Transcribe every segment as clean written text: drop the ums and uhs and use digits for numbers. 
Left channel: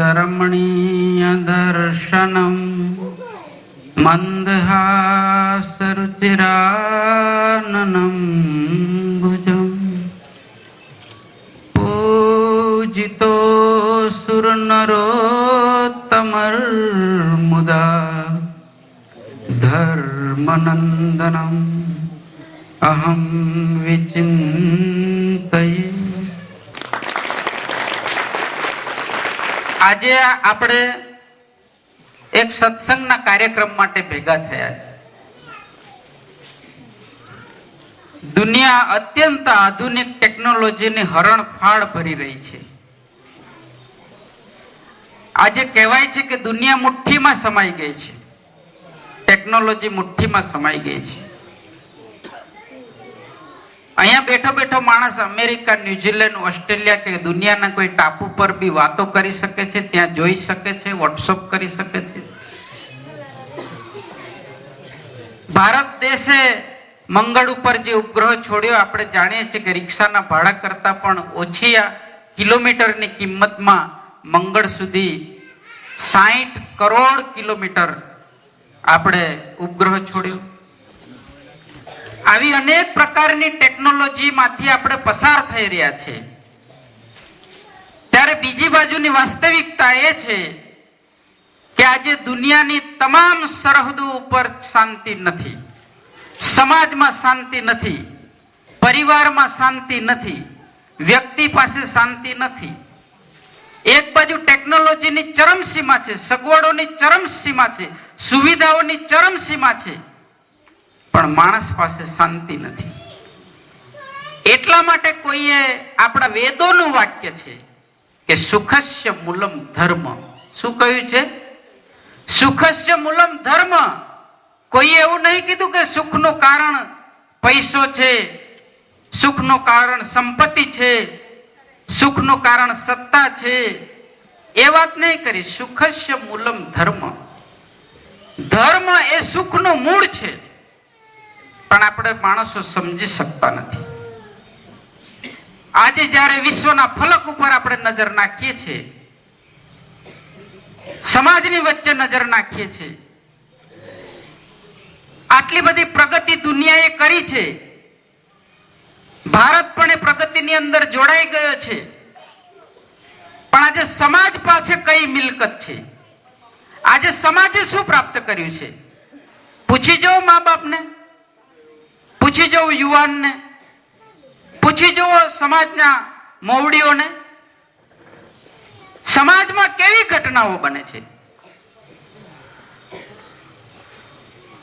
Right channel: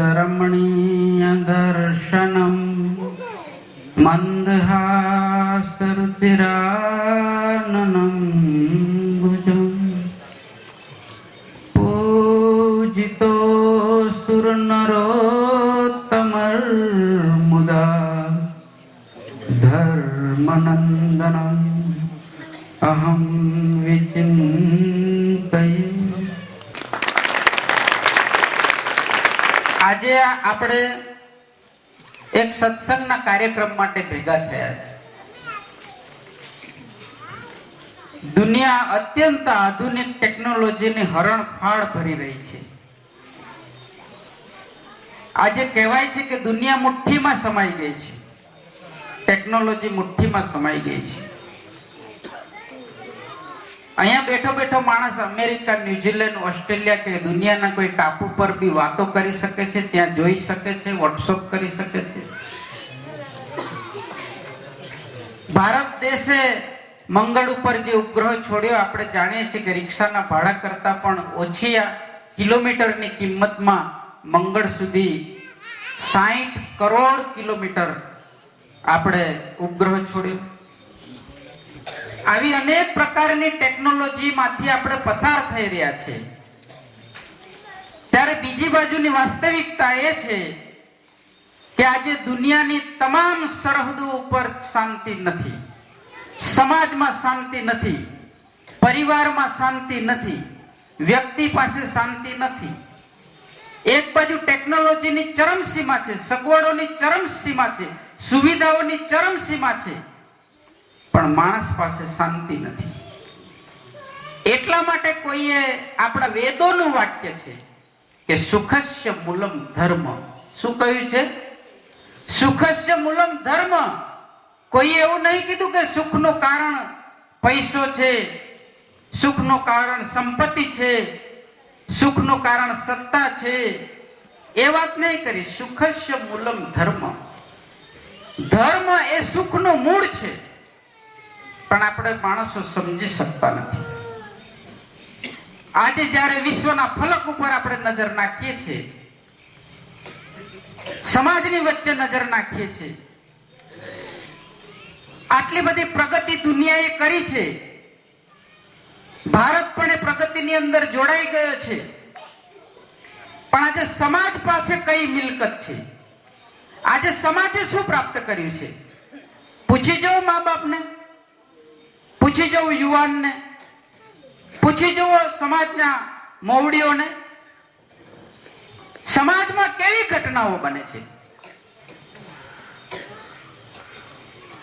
रमणीय दर्शनम मंदहासरुचिराननम भुजम पूजितो सुरनरोत्तमर्मुदा धर्मनंदनम अहम विचिंतये। આજે આપણે એક સત્સંગના કાર્યક્રમ માટે ભેગા થયા છે। દુનિયા અત્યંત આધુનિક ટેકનોલોજીની હરણફાળ ભરી રહી છે। આજે કહેવાય છે કે દુનિયા મુઠ્ઠીમાં સમાઈ ગઈ છે, ટેકનોલોજી મુઠ્ઠીમાં સમાઈ ગઈ છે। અહીંયા બેઠો બેઠો માણસ અમેરિકા, ન્યુઝીલેન્ડ, ઓસ્ટ્રેલિયા કે દુનિયાના કોઈ ટાપુ પર બી વાતો કરી શકે છે, ત્યાં જોઈ શકે છે, વોટ્સઅપ કરી શકે છે। ભારત દેશે મંગળ ઉપર જે ઉપગ્રહ છોડ્યો, આપણે જાણીએ છીએ કે રિક્ષાના ભાડા કરતા પણ ઓછી કિલોમીટરની કિંમતમાં મંગળ સુધી 60 કરોડ કિલોમીટર આપણે ઉપગ્રહ છોડ્યો। આવી અનેક પ્રકારની ટેકનોલોજી માંથી આપણે પસાર થઈ રહ્યા છે। ત્યારે બીજી બાજુની વાસ્તવિકતા એ છે કે આજે દુનિયાની તમામ સરહદો ઉપર શાંતિ નથી, સમાજમાં શાંતિ નથી, પરિવારમાં શાંતિ નથી, વ્યક્તિ પાસે શાંતિ નથી। એક બાજુ ટેકનોલોજીની ચરમસીમા છે, સગવડોની ચરમસીમા છે, સુવિધાઓની ચરમસીમા છે, પણ માણસ પાસે શાંતિ નથી। એટલા માટે કોઈએ આપણા વેદોનું વાક્ય છે કે સુખસ્ય મૂલમ ધર્મ। શું કહ્યું છે? સુખસ્ય મૂલમ ધર્મ। કોઈએ એવું નહીં કીધું કે સુખનું કારણ પૈસો છે, સુખનું કારણ સંપત્તિ છે, સુખનું કારણ સત્તા છે, એ વાત નહીં કરી। સુખસ્ય મૂલમ ધર્મ। ધર્મ એ સુખનું મૂળ છે, પણ આપણે માણસો સમજી શકતા નથી। આજે જ્યારે વિશ્વના ફલક ઉપર આપણે નજર નાખીએ છીએ, સમાજની વચ્ચે નજર નાખીએ છીએ, આટલી બધી પ્રગતિ દુનિયાએ કરી છે, ભારત પણ એ પ્રગતિની અંદર જોડાઈ ગયો છે, પણ આજે સમાજ પાસે કઈ મિલકત છે? આજે સમાજે શું પ્રાપ્ત કર્યું છે? પૂછી જાઓ મા બાપને, પૂછી જવું યુવાનને, પૂછી જવો સમાજના મોવડીઓને, સમાજમાં કેવી ઘટનાઓ બને છે।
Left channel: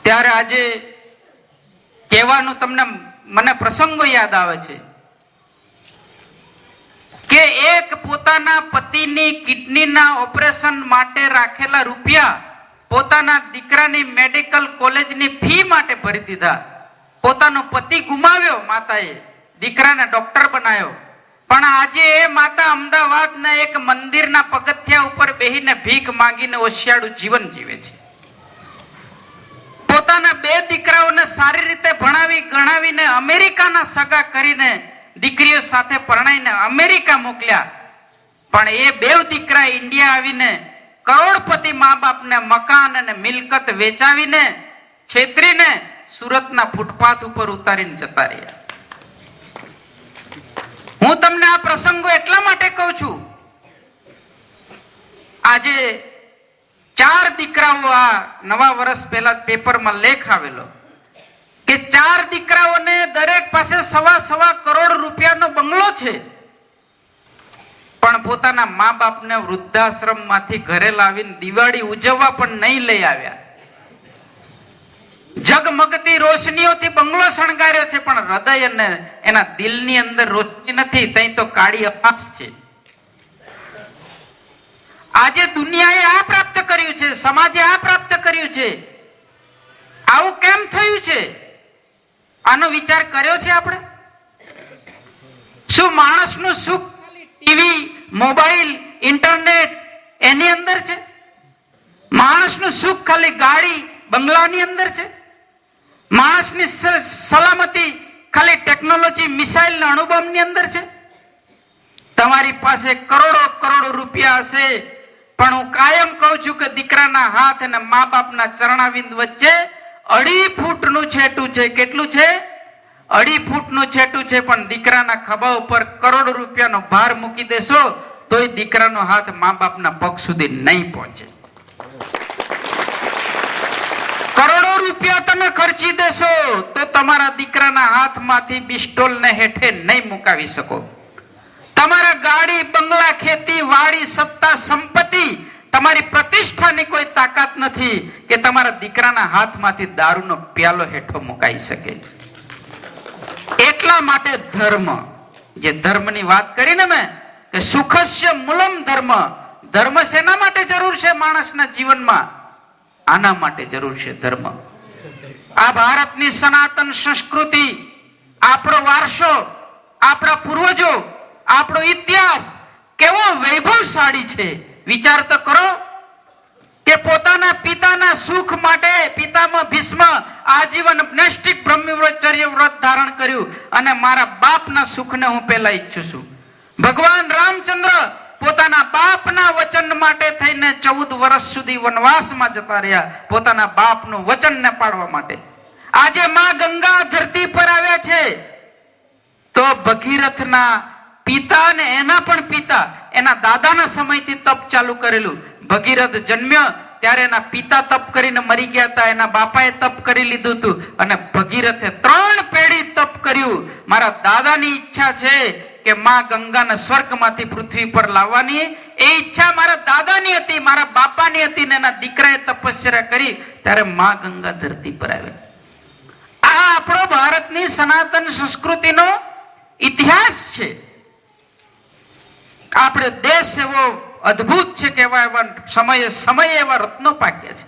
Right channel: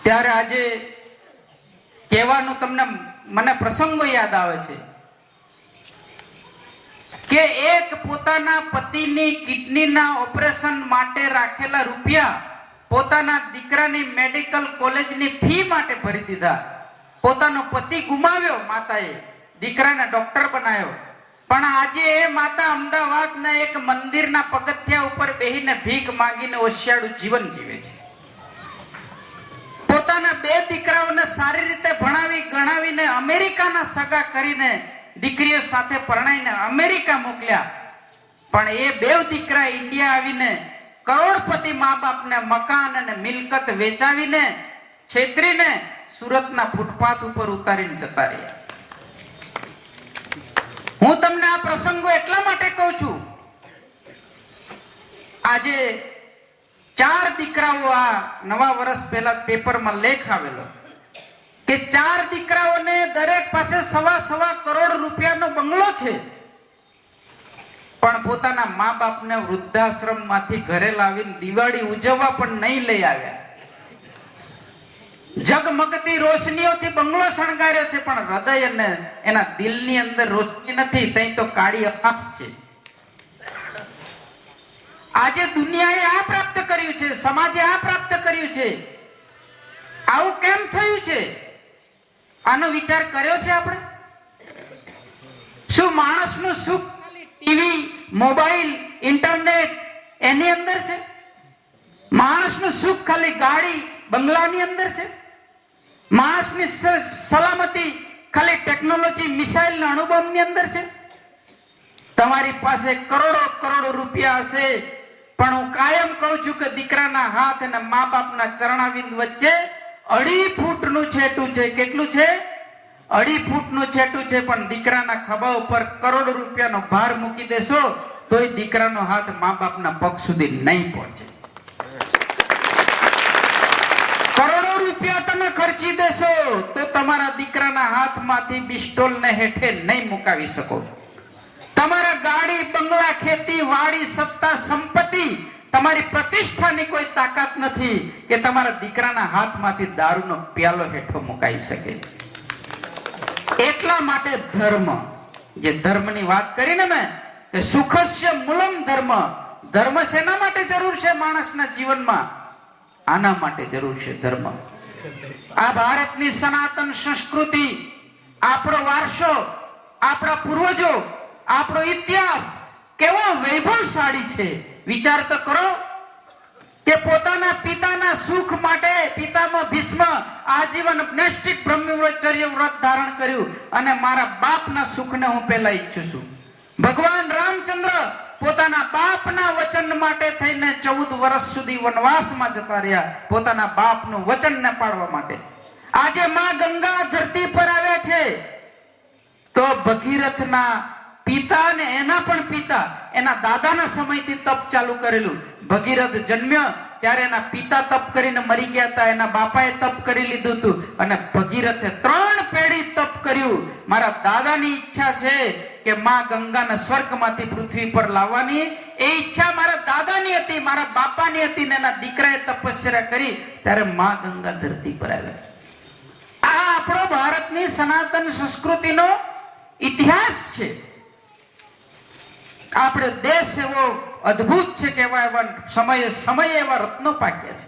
ત્યારે આજે કહેવાનું મને પ્રસંગો યાદ આવે છે કે એક પોતાના પતિની કિડનીના ઓપરેશન માટે રાખેલા રૂપિયા પોતાના દીકરાની મેડિકલ કોલેજની ફી માટે ભરી દીધા। પોતાનો પતિ ગુમાવ્યો માતાએ, દીકરાને ડોક્ટર બનાવ્યો, પણ આજે એ માતા અમદાવાદના એક મંદિરના પગથિયા ઉપર બેહીને ભીખ માંગીને ઓશિયાળું જીવન જીવે છે। પોતાના 2 દીકરાઓને સારી રીતે ભણાવી ગણાવીને અમેરિકાના સગા કરીને દીકરીઓ સાથે પરણાઈને અમેરિકા મોકલ્યા, પણ એ 2 દીકરા ઇન્ડિયા આવીને કરોડપતિ મા બાપને મકાન અને મિલકત વેચાવીને છેતરીને સુરતના ફૂટપાથ ઉપર ઉતારીને જતા રહ્યા। હું તમને આ પ્રસંગો એટલા માટે કહું છું, આજે 4 દીકરાઓ, આ નવા વર્ષ પહેલા પેપરમાં લેખ આવેલો કે 4 દીકરાઓને દરેક પાસે 1.25 કરોડ રૂપિયાનો બંગલો છે, પણ પોતાના મા બાપને વૃદ્ધાશ્રમ માંથી ઘરે લાવીને દિવાળી ઉજવવા પણ નહીં લઈ આવ્યા। જગમગતી રોશનીઓથી બંગલો શણગાર્યો છે, પણ હૃદય અને એના દિલની અંદર રોશની નથી, ત્યાં તો કાળી અપાસ છે। આજે દુનિયાએ આ પ્રાપ્ત કર્યું છે, સમાજે આ પ્રાપ્ત કર્યું છે, આવું કેમ થયું છે? આનો વિચાર કર્યો છે આપણે? શું માણસનું સુખ ટીવી, મોબાઈલ, ઇન્ટરનેટ એની અંદર છે? માણસનું સુખ ખાલી ગાડી, બંગલાની અંદર છે? માણસની સલામતી ખાલી ટેકનોલોજી, મિસાઇલ ના અણુબોમ્બની અંદર છે? તમારી પાસે કરોડો કરોડો રૂપિયા હશે, પણ હું કાયમ કહું છું કે દીકરાના હાથ અને મા બાપના ચરણાવિંદ વચ્ચે 2.5 ફૂટનું છેટું છે. કેટલું છે? 2.5 ફૂટનું છેટું છે. પણ દીકરાના ખભા ઉપર કરોડો રૂપિયાનો ભાર મૂકી દેશો તોય દીકરાનો હાથ મા બાપના પગ સુધી નહીં પહોંચે. કરોડો રૂપિયા તમે ખર્ચી દેશો તો તમારા દીકરાના હાથમાંથી પિસ્તોલને હેઠે નહીં મુકાવી શકો. તમારા ગાડી, બંગલા, ખેતી, વાડી, સત્તા, સંપત્તિ, તમારી પ્રતિષ્ઠાની કોઈ તાકાત નથી કે તમારા દીકરાના હાથમાંથી દારૂનો પ્યાલો હેઠો મુકાઈ શકે. એટલા માટે ધર્મ, જે ધર્મની વાત કરીને મેં કે સુખસ્ય મૂલમ ધર્મ, ધર્મ શેના માટે જરૂર છે માણસના જીવનમાં? આના માટે જરૂર છે ધર્મ. આ ભારતની સનાતન સંસ્કૃતિ, આપણો વારસો, આપણા પૂર્વજો, આપણો ઇતિહાસ કેવો વૈભવશાળી છે. વિચાર તો કરો કે પોતાના પિતાના સુખ માટે પિતામહ ભીષ્મ આજીવન નૈષ્ઠિક બ્રહ્મચર્ય વ્રત ધારણ કર્યું અને મારા બાપના સુખને હું પહેલા ઈચ્છું છું. ભગવાન રામચંદ્ર પોતાના બાપના વચન માટે થઈને 14 વર્ષ સુધી વનવાસમાં જતા રહ્યા, પોતાના બાપનું વચનને પાળવા માટે. આજે માં ગંગા ધરતી પર આવ્યા છે તો ભગીરથના પિતા ને એના પણ પિતા, એના દાદાના સમયથી તપ ચાલુ કરેલું. ભગીરથ જન્મ્યો ત્યારે એના પિતા તપ કરીને મરી ગયા હતા, એના બાપાએ તપ કરી લીધું હતું અને ભગીરથે 3 પેઢી તપ કર્યું. મારા દાદાની ઈચ્છા છે કે માં ગંગાને સ્વર્ગમાંથી પૃથ્વી પર લાવવાની, એ ઈચ્છા મારા દાદાની હતી, મારા બાપાની હતી ને એના દીકરાએ તપસ્યા કરી ત્યારે માં ગંગા ધરતી પર આવ્યા. આ આપણો ભારતની સનાતન સંસ્કૃતિનો ઇતિહાસ છે. આપણે દેશ એવો અદ્ભુત છે કે એવા સમયે એવા રત્નો પાક્યા છે.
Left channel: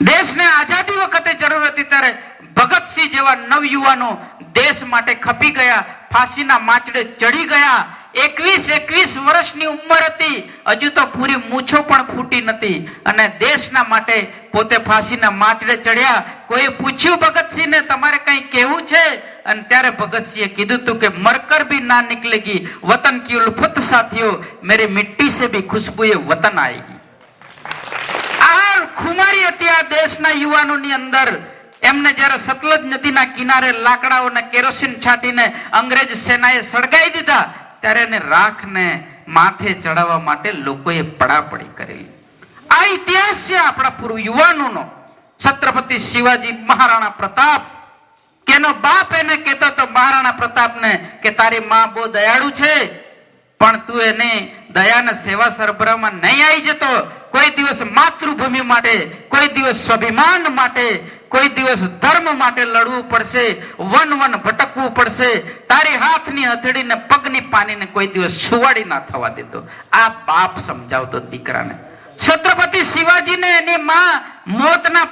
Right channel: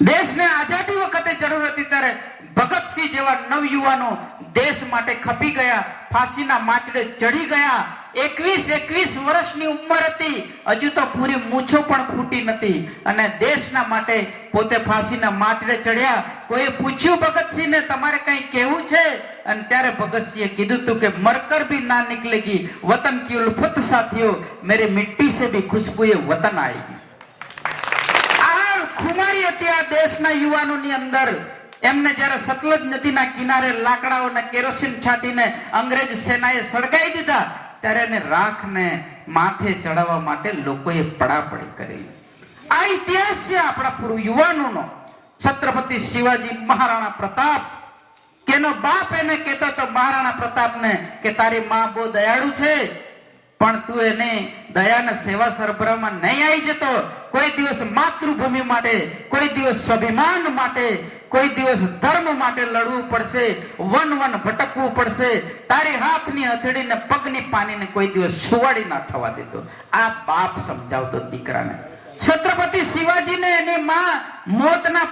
દેશને આઝાદી વખતે જરૂર હતી ત્યારે ભગતસિંહ જેવા નવયુવાનો દેશ માટે ખપી ગયા, ફાંસીના માંચડે ચડી ગયા. 21 વર્ષની ઉંમર હતી, હજુ તો પૂરી મૂછો પણ ફૂટી નથી અને દેશના માટે પોતે ફાંસીના માંચડે ચડ્યા. કોઈ પૂછ્યું ભગતસિંહને તમારે કઈ કહેવું છે? અને ત્યારે ભગતસિંહે કીધું તું કે મરકર ભી ના નિકલેગી વતન કી ઉલ્ફત સાથીઓ, મેરી મિટ્ટી સે ભી ખુશ્બુએ વતન આएगी. આ ખુમારી હતી આ દેશના યુવાનોની અંદર. એમને જ્યારે સતલજ નદીના કિનારે લાકડાઓને કેરોસીન છાંટીને અંગ્રેજ સેનાએ સળગાવી દીધા ત્યારે એને રાખને માથે ચડાવવા માટે લોકોએ પડાપડી કરેલી. આ ઇતિહાસ છે આપણા પૂર્વ યુવાનોનો. છત્રપતિ શિવાજી મહારાણા પ્રતાપ, કેનો બાપ એને કહેતો હતો મહારાણા પ્રતાપને કે તારી માં બહુ દયાળુ છે પણ તું એને દયાને સેવા સરબરાહમાં નહીં આવી જતો. કોઈ દિવસ માતૃભૂમિ માટે, કોઈ દિવસ સ્વાભિમાન માટે, કોઈ દિવસ ધર્મ માટે લડવું પડશે, વન ભટકવું પડશે. તારી હાથની હથેળીને પગની પાનીને કોઈ દિવસ છુવાડી ના થવા દેતો. આ બાપ સમજાવતો દીકરાને. છત્રપતિ શિવાજીને એની માં મોતના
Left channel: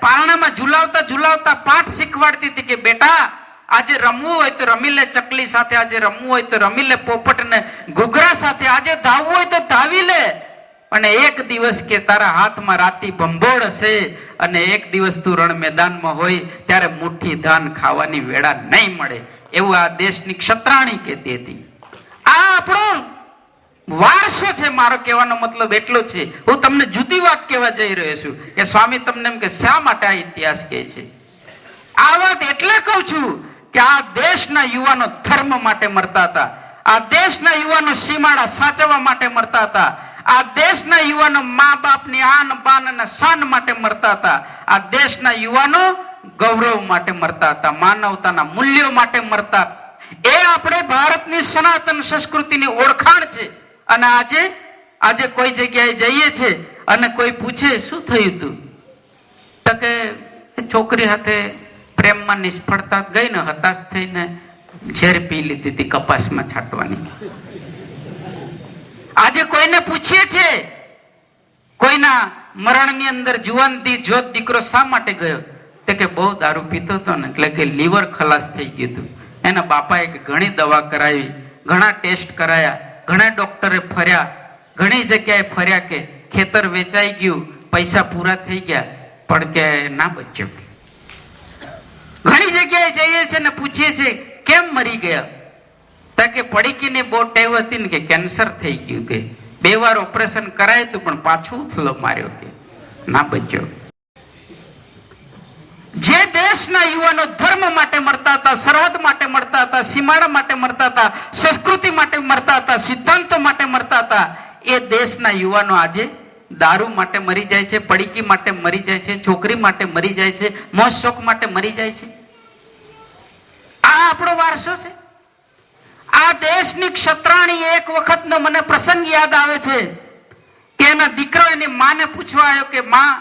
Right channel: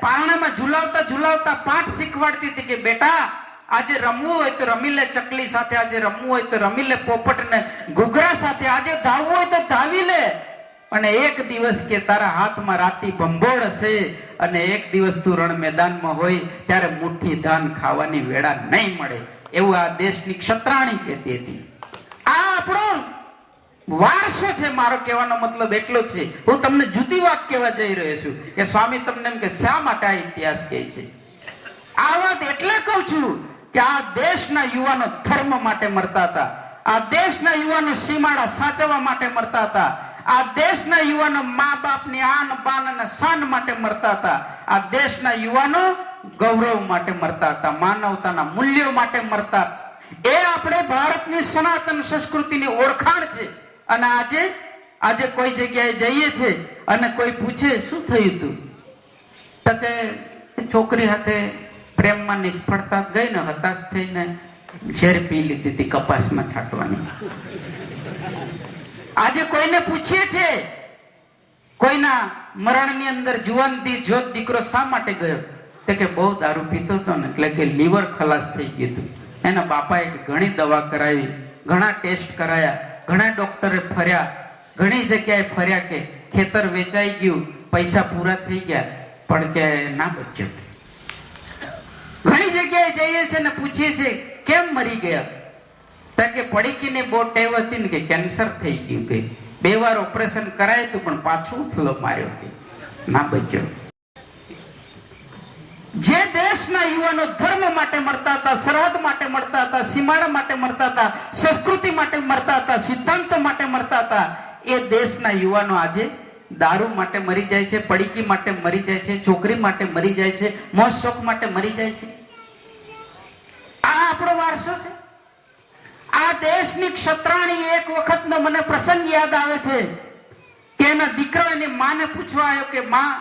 પારણામાં ઝુલાવતા પાઠ શીખવાડતી હતી કે બેટા આજે રમવું હોય તો રમી લે ચકલી સાથે, આજે રમવું હોય તો રમી લે પોપટ ને ઘૂઘરા સાથે, આજે ધાવવું હોય તો ધાવી લે. અને એક દિવસ કે તારા હાથમાં રાતી ભંભોળ હશે અને એક દિવસ તું રણ મેદાનમાં હોય ત્યારે મુઠ્ઠી ધાન ખાવાની વેળા નહીં મળે, એવું આ દેશની ક્ષત્રાણી કહેતી હતી. આ આપણો વારસો છે. મારો કહેવાનો મતલબ એટલો છે. હું તમને જુદી વાત કહેવા જઈ રહ્યો છું કે સ્વામી તમને એમ કે શા માટે આ ઇતિહાસ કહે છે. આ વાત એટલે કહું છું કે આ દેશના યુવાનો ધર્મ માટે મરતા હતા, આ દેશના યુવાનો સીમાડા સાચવવા માટે મરતા હતા, આ દેશના યુવાનો મા બાપની આન બાન અને શાન માટે મરતા હતા, આ દેશના યુવાનો ગૌરવ માટે મરતા હતા, માનવતાના મૂલ્યો માટે મરતા. એ આપણે ભારતની સનાતન સંસ્કૃતિની ઓળખાણ છે. અને આજે કોઈ જગ્યાએ જઈએ છે અને કોઈ પૂછે શું થયું તું, તો કે છોકરી સાથે પ્રેમમાં નિષ્ફળતા ગઈ ને હતાશ થઈને ઝેર પી લીધી હતી કપાસમાં છાંટવાની. આજે કોઈને પૂછીએ છે કોઈના મરણની અંદર જુવાનથી જોત દીકરો શા માટે ગયો, તો કે બહુ દારૂ પીતો હતો ને એટલે કે લીવર ખલાસ થઈ ગયું હતું. એના બાપાએ ઘણી દવા કરાવી, ઘણા ટેસ્ટ કરાયા, ઘણા ડોક્ટરે ફર્યા, ઘણી જગ્યાએ ફર્યા કે ખેતર વેચાઈ ગયું, પૈસા પૂરા થઈ ગયા પણ કે ના બચ્યો. ઘણી જગ્યાએ જઈએ છે ને પૂછીએ છે કેમ મરી ગયા, તો કે પડીકીને બહુ ટેવ હતી ને કે કેન્સર થઈ ગયું. કે 2 વાર ઓપરેશન કરાય તું પણ પાછું ઉથલો માર્યો કે ના બચ્યો. જે દેશના યુવાનો ધર્મ માટે મરતા હતા, સરહદ માટે મરતા હતા, સીમાડા માટે મરતા હતા, સંસ્કૃતિ માટે મરતા હતા, સિદ્ધાંતો માટે મરતા હતા, એ દેશના યુવાનો આજે દારૂ માટે મરી જાય છે, પડીકી માટે મરી જાય છે, છોકરી માટે મરી જાય છે, મોજ શોખ માટે મરી જાય છે. આ આપણો વારસો છે. આ દેશની ક્ષત્રાણી એક વખતનો મને પ્રસંગ યાદ આવે છે કે એના દીકરો એની માને પૂછવા આવ્યો કે માં,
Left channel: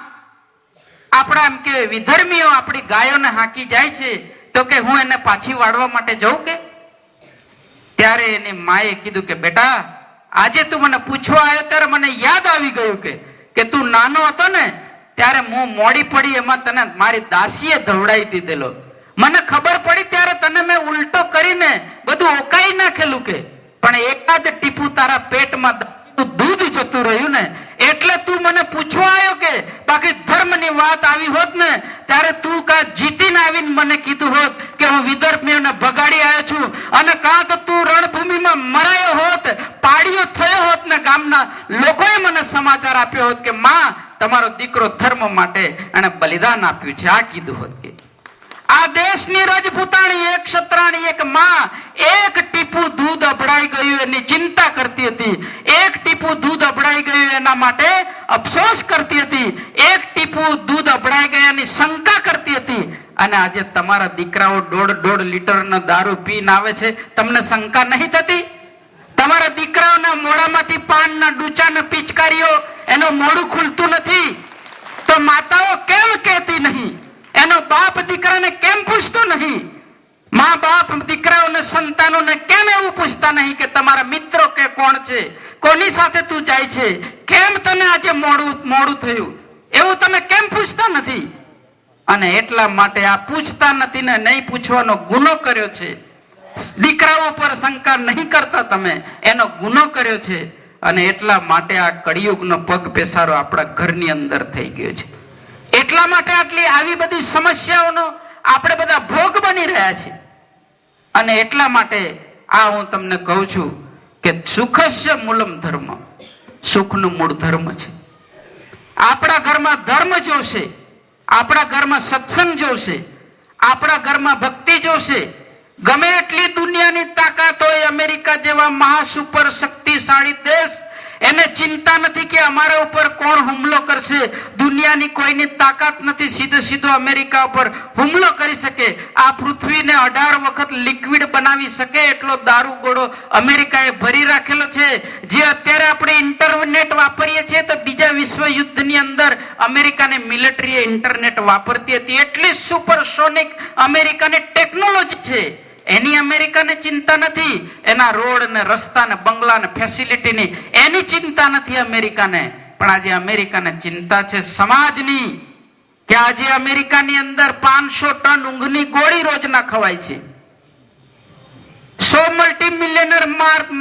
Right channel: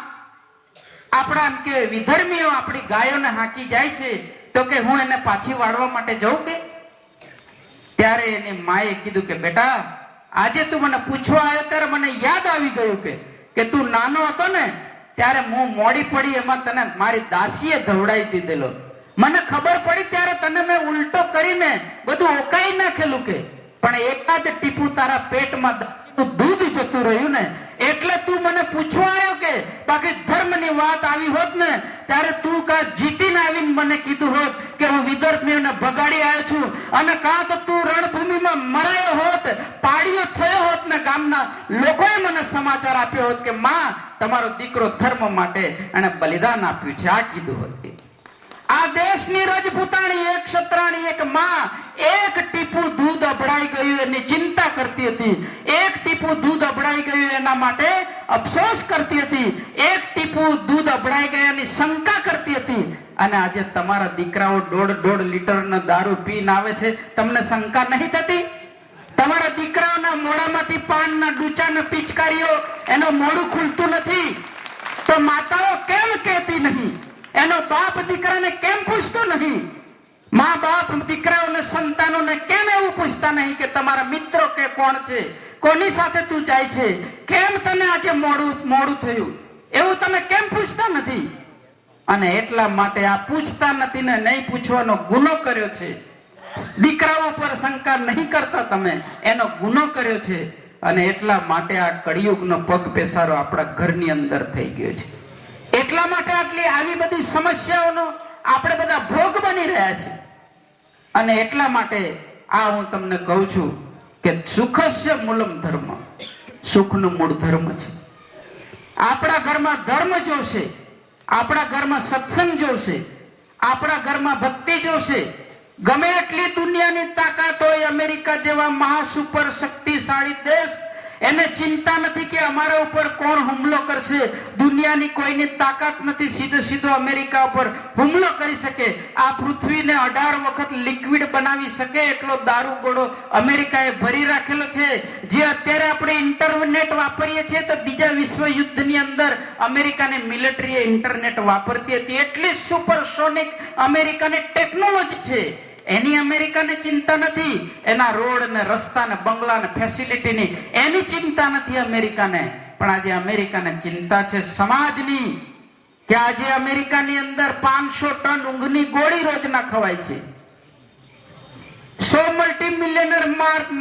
આપણા એમ કે વિધર્મીઓ આપણી ગાયોને હાંકી જાય છે તો કે હું એને પાછી વાળવા માટે જઉં કે? ત્યારે એની માએ કીધું કે બેટા, આજે તું મને પૂછવા આવ્યો ત્યારે મને યાદ આવી ગયું કે તું નાનો હતો ને ત્યારે હું મોડી પડી એમાં તને મારી દાસીએ ધવડાવી દીધેલો. મને ખબર પડી ત્યારે તને મેં ઉલટો કરીને બધું ઓકાઈ નાખેલું કે, પણ એકાદ ટીપું તારા પેટમાં દૂધ જતું રહ્યું ને એટલે તું મને પૂછવા આવ્યો કે, બાકી ધર્મની વાત આવી હોત ને ત્યારે તું કા જીતીને આવીને મને કીધું હોત કે હું વિદર્ભીઓને ભગાડી આવ્યો છું, અને કાં તો તું રણભૂમિમાં મરાયો હોત, પાડીયો થયો હોત ને ગામના લોકોએ મને સમાચાર આપ્યો હોત કે માં, તમારો દીકરો ધર્મ માટે એને બલિદાન આપ્યું છે, આ કીધું હોત કે. આ દેશની રજપૂતાણી, એક ક્ષત્રાણી, એક માં, એક ટીપું દૂધ અભડાઈ ગયું એની ચિંતા કરતી હતી, એક ટીપું દૂધ અભડાઈ ગયું એના માટે અફસોસ કરતી હતી, એક ટીપું દૂધ અભડાઈ ગયાની શંકા કરતી હતી. અને આજે તમારા દીકરાઓ 1.5 લીટરનો દારૂ પીને આવે છે, તમને શંકા નહીં થતી? તમારા દીકરાઓના મોઢામાંથી પાનના ડૂચાને પિચકારીઓ, એનું મોઢું ખુલતું નથી તો માતાઓ કેમ કહેતી નહીં? એનો બાપ દીકરાને કેમ પૂછતો નહીં? મા બાપ દીકરાઓને, સંતાનોને કેમ એવું પૂછતા નહીં કે તમારા મિત્રો કે કોણ છે, કોની સાથે તું જાય છે, કેમ તને આજે મોડું થયું, એવું તમે કેમ પૂછતા નથી? અને એટલા માટે આ પૂછતા નથી ને નહીં પૂછવાનો ગુનો કર્યો છે. દીકરાઓ પર શંકા નહીં કરતા તમે, એનો ગુનો કર્યો છે. અને એટલા માટે આ કળિયુગનો પગ પેસારો આપણા ઘરની અંદર થઈ ગયો છે. એટલા માટે આટલી આવી બધી સમસ્યાઓનો આપણે બધા ભોગ બની રહ્યા છીએ. અને એટલા માટે આ હું તમને કહું છું કે સુખસ્ય મૂલમ ધર્મ, સુખનું મૂળ ધર્મ છે. આપણા ઘરમાં ધર્મ જોશે, આપણા ઘરમાં સત્સંગ જોશે, આપણા ઘરમાં ભક્તિ જોશે. ગમે એટલી દુનિયાની તાકાત હોય, અમેરિકા જેવા મહાસુપર શક્તિશાળી દેશ, એને ચિંતા નથી કે અમારા ઉપર કોણ હુમલો કરશે. દુનિયાની કોઈની તાકાત નથી સીધો અમેરિકા ઉપર હુમલો કરી શકે. આ પૃથ્વીને 18 વખત લિક્વિડ બનાવી શકે એટલો દારૂ ગોળો અમેરિકાએ ભરી રાખેલો છે. જે અત્યારે આપણે ઇન્ટરનેટ વાપરીએ છીએ તો બીજા વિશ્વ યુદ્ધની અંદર અમેરિકાની મિલિટરી ઇન્ટરનેટ વાપરતી હતી. એટલી સુપરસોનિક અમેરિકાની ટેકનોલોજી છે. એની અમેરિકાને ચિંતા નથી, એના રોડ ને રસ્તા ને બંગલા ને ફેસિલિટીની એની ચિંતા નથી અમેરિકાને. પણ આજે અમેરિકાને ચિંતા છે સમાજની, કે આજે અમેરિકાની અંદર 500 ટન ઊંઘની ગોળી રોજના ખવાય છે. 100 મલ્ટીમિલિયનર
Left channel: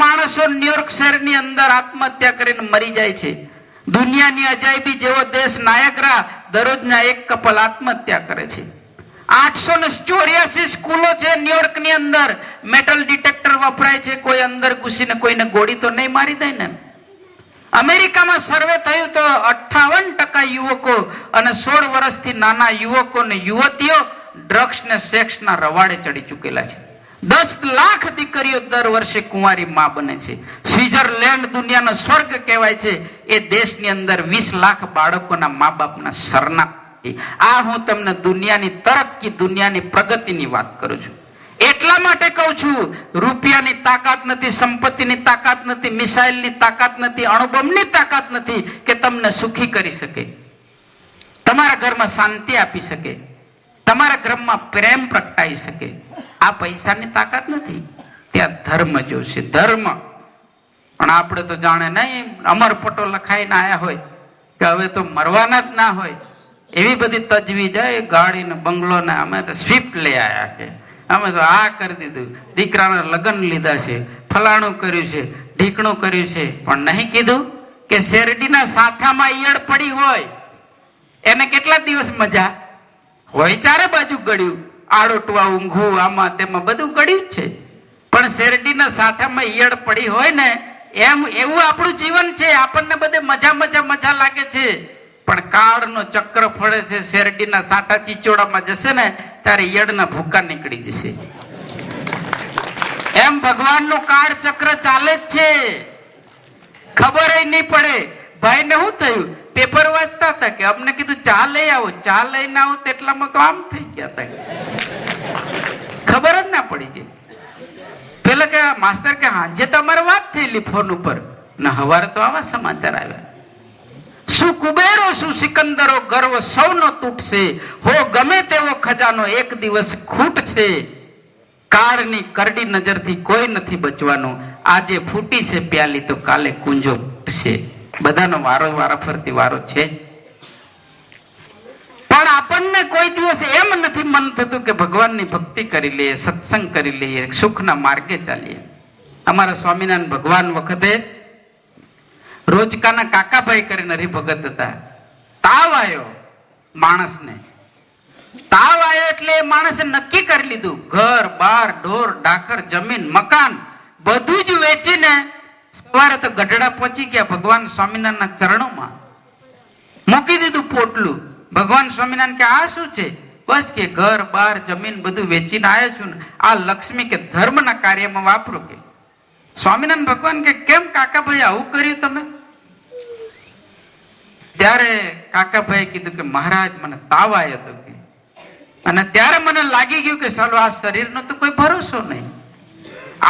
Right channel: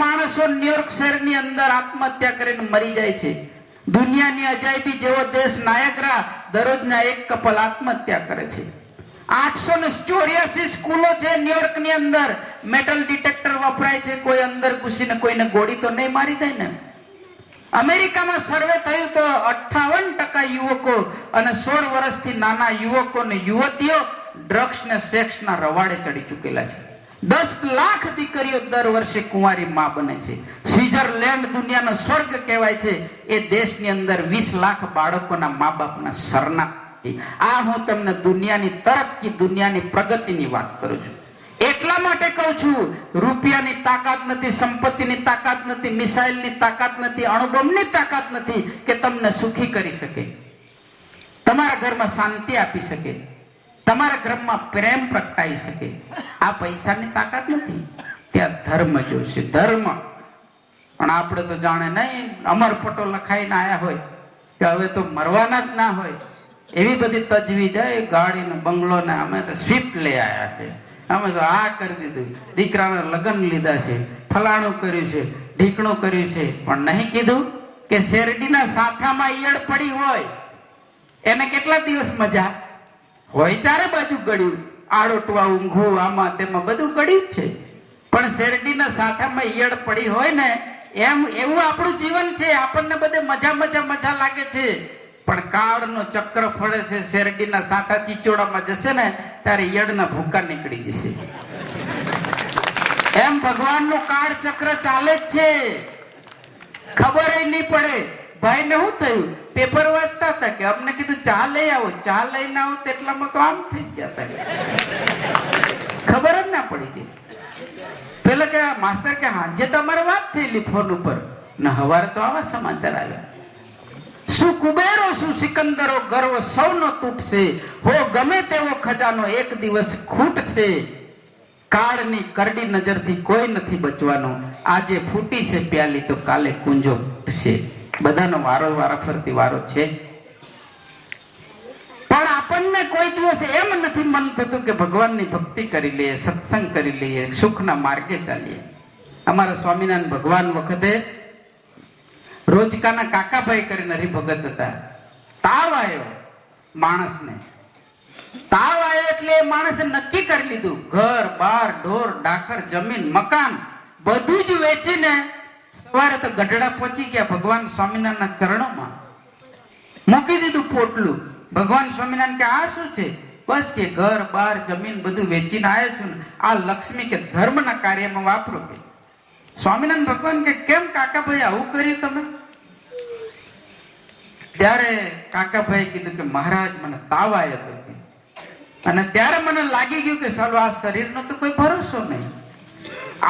માણસો ન્યુયોર્ક શહેરની અંદર આત્મહત્યા કરીને મરી જાય છે. દુનિયાની અજાયબી જેવો દેશ નાયગ્રા દરરોજના એક કપલ આત્મહત્યા કરે છે. 884 સ્કૂલો છે ન્યુયોર્ક ની અંદર, મેટલ ડિટેક્ટર વપરાય છે. કોઈ અંદર ઘૂસીને કોઈને ગોળી તો નહીં મારી દે ને. અમેરિકામાં સર્વે થયું તો 58% યુવકો અને 16 વર્ષથી નાના યુવકો ને યુવતીઓ ડ્રગ્સ ને સેક્સ ના રવાડે ચડી ચૂકેલા છે. 10 લાખ દીકરીઓ દર વર્ષે કુંવારી માં બને છે. સ્વિટ્ઝરલેન્ડ દુનિયાનો સ્વર્ગ કહેવાય છે. એ દેશની અંદર 20 લાખ બાળકોના મા બાપના સરનામા. આ હું તમને દુનિયાની તરક્કી, દુનિયાની પ્રગતિની વાત કરું છું. એટલા માટે કહું છું, રૂપિયાની તાકાત નથી, સંપત્તિની તાકાત નથી, મિસાઇલની તાકાત નથી, અણુબોમ્બની તાકાત નથી કે તમને સુખી કરી શકે, તમારા ઘરમાં શાંતિ આપી શકે, તમારા ઘરમાં પ્રેમ પ્રગટાઈ શકે. આ પૈસાની તાકાત નથી. ત્યાં ધર્મ જોશે, ધર્મ. પણ આપણે તો જાણે નહીં, અમરપટો લખાઈને આયા હોય કે હવે તો મરવાના જ ના હોય, એવી બધી તજવીજ જાય. ગાડી ને બંગલો ને અમે તો સ્વિફ્ટ લઈ આવ્યા છે, અમે તો આ કરી દીધું, દીકરાના લગ્ન લીધા છે, ફલાણું કર્યું છે, ઢીકણું કર્યું છે. પણ નહીં કીધું કે શેરડીના સાઠામાં ઈયળ પડી હોય એને કેટલા દિવસ મજા હોય? ચારે બાજુ ગળ્યું, આડોટવા ઊંઘવું, આમાં તેમાં બધું ગળ્યું જ છે. પણ શેરડીના સાઠામાં ઈયળ પડી હોય ને એમ એવું આપણું જીવન છે. આપણને બધે મજા લાગે છે, પણ કાળનો ચક્ર ફળે છે. શેરડીના સાંટા ચીચોડામાં જશે ને ત્યારે યડના ભૂકા નીકળી જશે. એમ ભગવાનનું કાળ ચક્ર ચાલે જ છે, ખબર નહીં પડે. ભાઈ ને શું થયું, પેપર વાંચતા હતા કે અમને કીધું ચા લઈ આવો, ચા લઈને આવો તેટલામાં તો આમ થઈ ગયા હતા, ખબર જ ના પડી ગઈ. પેલા કે માસ્ટર કે હાંજે તો અમારે વાત થયેલી ફોન ઉપર ને હવારે તો આવા સમાચાર આવ્યા. શું કુબેરો શું સિકંદરો ગર્વ સૌનો તૂટશે, હો ગમે તેવો ખજાનો એક દિવસ ખૂટશે. કાળની કરડી નજરથી કોઈ નથી બચવાનું, આજે ફૂટી છે પ્યાલી તો કાલે કુંજો ફૂટશે. બધાનો વારો ફરતી વારો છે. પણ આપણને કોઈ દિવસ એમ નથી મન થતું કે ભગવાનની ભક્તિ કરી લઈએ, સત્સંગ કરી લઈએ, સુખના માર્ગે ચાલીએ. અમારા સ્વામિનારાયણ ભગવાન વખતે રોજકાના કાકાભાઈ કરીને હરિભગત હતા. તાવ આવ્યો માણસને, તાવ આવ્યો એટલે એ માણસે નક્કી કરી લીધું ઘર બાર ઢોર ડાકર જમીન મકાન બધું જ વેચીને સવારે તો ગઢડા પહોંચી ગયા ભગવાન સ્વામિનારાયણના ચરણોમાં, મૂકી દીધું પોટલું. ભગવાન સ્વામિનારાયણ કે આ શું છે? બસ કે ઘર બાર જમીન બધું વેચીને આવ્યો છું ને આ લક્ષ્મી કે ધર્મના કાર્યમાં વાપરો. કે સ્વામિનારાયણ ભગવાન કે કેમ કાકાભાઈ આવું કર્યું તમે? ત્યારે કાકાભાઈ કીધું કે મહારાજ મને તાવ આવ્યો હતો અને ત્યારે મને લાગી ગયું કે ચાલો આ શરીરનો તો કોઈ ભરોસો નહીં,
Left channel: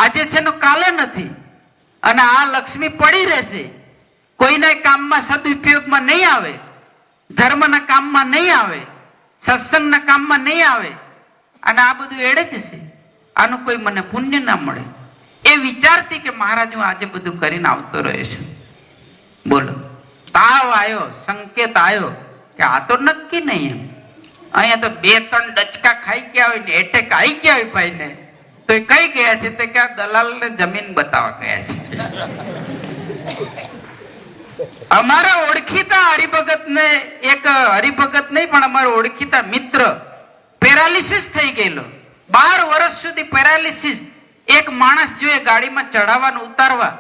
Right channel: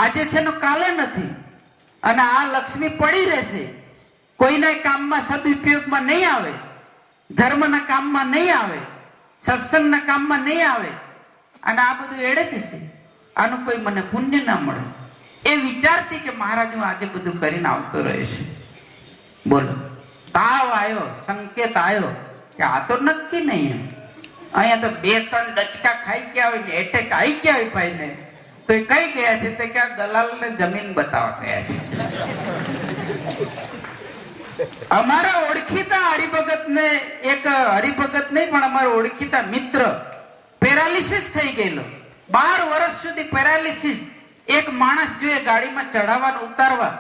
આજે છે ને કાલે નથી, અને આ લક્ષ્મી પડી રહેશે, કોઈના કામમાં સદુપયોગમાં નહીં આવે, ધર્મના કામમાં નહીં આવે, સત્સંગના કામમાં નહીં આવે, અને આ બધું એડે જ છે, આનું કોઈ મને પુણ્ય ના મળે. એ વિચારતી કે મહારાજ હું આજે બધું કરીને આવતો રહ્યો છું. બોલો, તાવ આવ્યો, સંકેત આવ્યો કે આ તો નક્કી નહીં. એમ અહીંયા તો 2-3 ડચકા ખાઈ ગયા હોય ને એટેક આવી ગયા હોય ભાઈ ને, તો એ કઈ ગયા છે? તે ક્યાં દલાલ ને જમીન બતાવવા ગયા છે. અમારા ઓળખીતા હરિભગત ને, એક હરિભગત નહીં પણ અમારો ઓળખીતા મિત્ર પેરાલિસિસ થઈ ગયેલો, 12 વર્ષ સુધી પેરાલિસિસ. એક માણસ જોઈએ ગાડીમાં ચડાવવાનું ઉતારવા,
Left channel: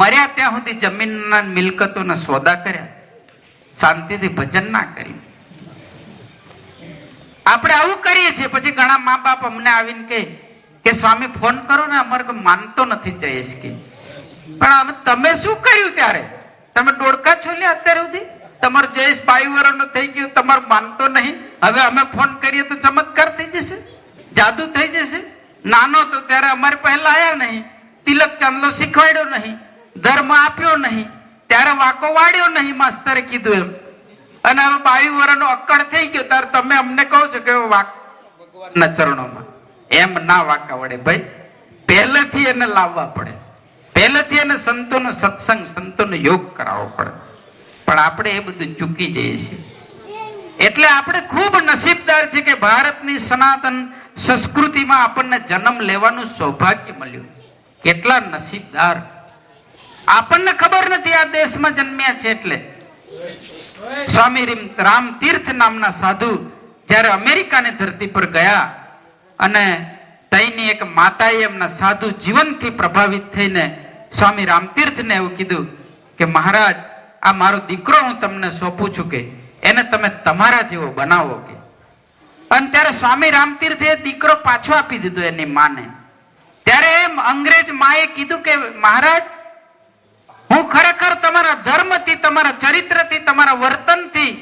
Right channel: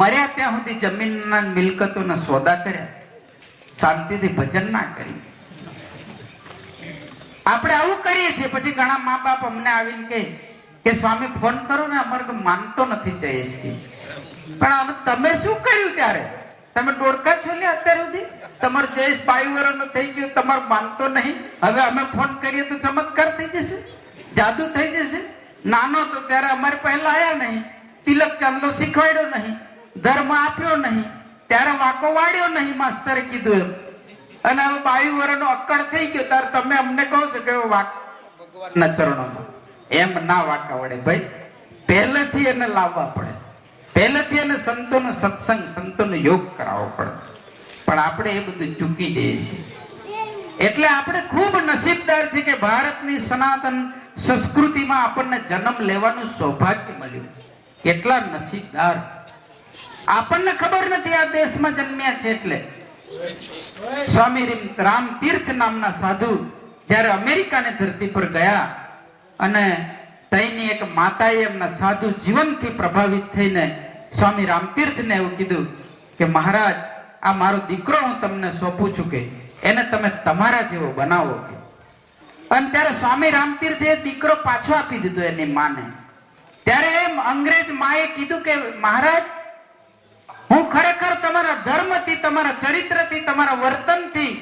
મર્યા ત્યાં સુધી જમીનના મિલકતોના સોદા કર્યા, શાંતિથી ભજન ના કર્યું. આપણે આવું કરીએ છીએ. પછી ઘણા મા બાપ અમને આવીને કહે કે સ્વામી ફોન કરો ને, અમારે માનતો નથી જયેશ કે. પણ તમે શું કર્યું ત્યારે? તમે ડોડકા છોલ્યા અત્યાર સુધી? તમારો જયેશ 22 વર્ષનો થઈ ગયો, તમારું માનતો નહીં, હવે અમે ફોન કરીએ તો ચમત્કાર થઈ જશે, જાદુ થઈ જશે. નાનો તો ત્યારે અમારે પહેલા આયા નહીં, તિલક ચાંદલો શીખવાડ્યો નહીં, ધર્મ આપ્યો નહીં, ત્યારે વાકો વાળ્યો નહીં, માસ્તરે કીધું એમ. અને હવે 22 વર્ષનો અક્કડ થઈ ગયો ત્યારે તમે અમને કહો છો કે વાક ભગવાનના ચરણોમાં. એમ ના વાકા વડે ભાઈ, પહેલેથી એને લાવવા પડે, પહેલેથી એને સંતોનો સત્સંગ, સંતોનો યોગ કરાવવો પડે. પણ આપણે એ બધું ચૂકી જઈએ છીએ. એટલે આપણે ખૂબ નસીબદાર છે કે ભારતની સનાતન સંસ્કૃતિમાં આપણને જન્મ લેવાનું સૌભાગ્ય મળ્યું. કેટલા નસીબદાર! આપણને ખબર નથી આ દેશમાં જન્મ્યા છે. એટલે સ્વામી રામતીર્થ નામના સાધુ જ્યારે અમેરિકાની ધરતી પર ગયા અને તઈની એક માતાએ એમના સાધુ જીવનથી પ્રભાવિત થઈને સ્વામી રામતીર્થને એવું કીધું કે મહારાજ, આ મારો દીકરો હું તમને સોંપું છું, કે એને તમે તમારા જેવો બનાવો. કે અને ત્યારે સ્વામી રામતીર્થે દીકરો પાછો આપી દીધો એની માને. ત્યારે એમ અંગ્રેજ માએ કીધું કે મહારાજ, હું ખરેખર તમારા ધર્મથી, તમારા ચરિત્રથી, તમારા વર્તનથી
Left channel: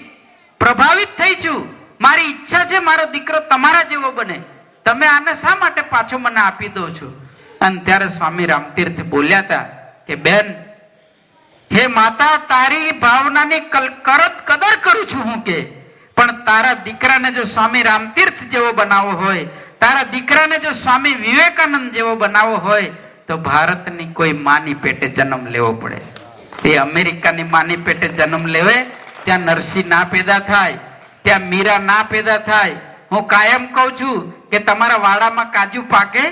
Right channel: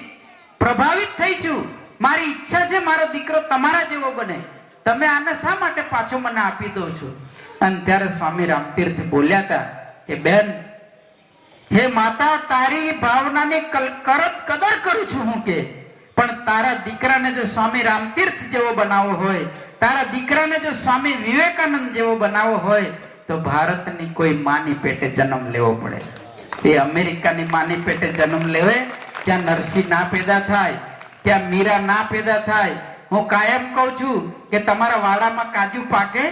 પ્રભાવિત થઈ છું. મારી ઈચ્છા છે મારો દીકરો તમારા જેવો બને, તમે આને શા માટે પાછો મને આપી દો છો? અને ત્યારે સ્વામી રામતીર્થ બોલ્યા હતા કે બેન, હે માતા, તારી ભાવનાની કદર કરું છું હું, કે પણ તારા દીકરાને જો સ્વામી રામતીર્થ જેવો બનાવવો હોય, તારા દીકરાને જો સ્વામી વિવેકાનંદ જેવો બનાવવો હોય, તો ભારતની કોઈ માની પેટે જન્મ લેવો પડે. એ અમેરિકાની માની પેટે જન્મ લેવે, ત્યાં નરસિંહ ના પેદા થાય, ત્યાં મીરા ના પેદા થાય. હું કાયમ કહું છું કે તમારા વાડામાં કાજુ પાકે,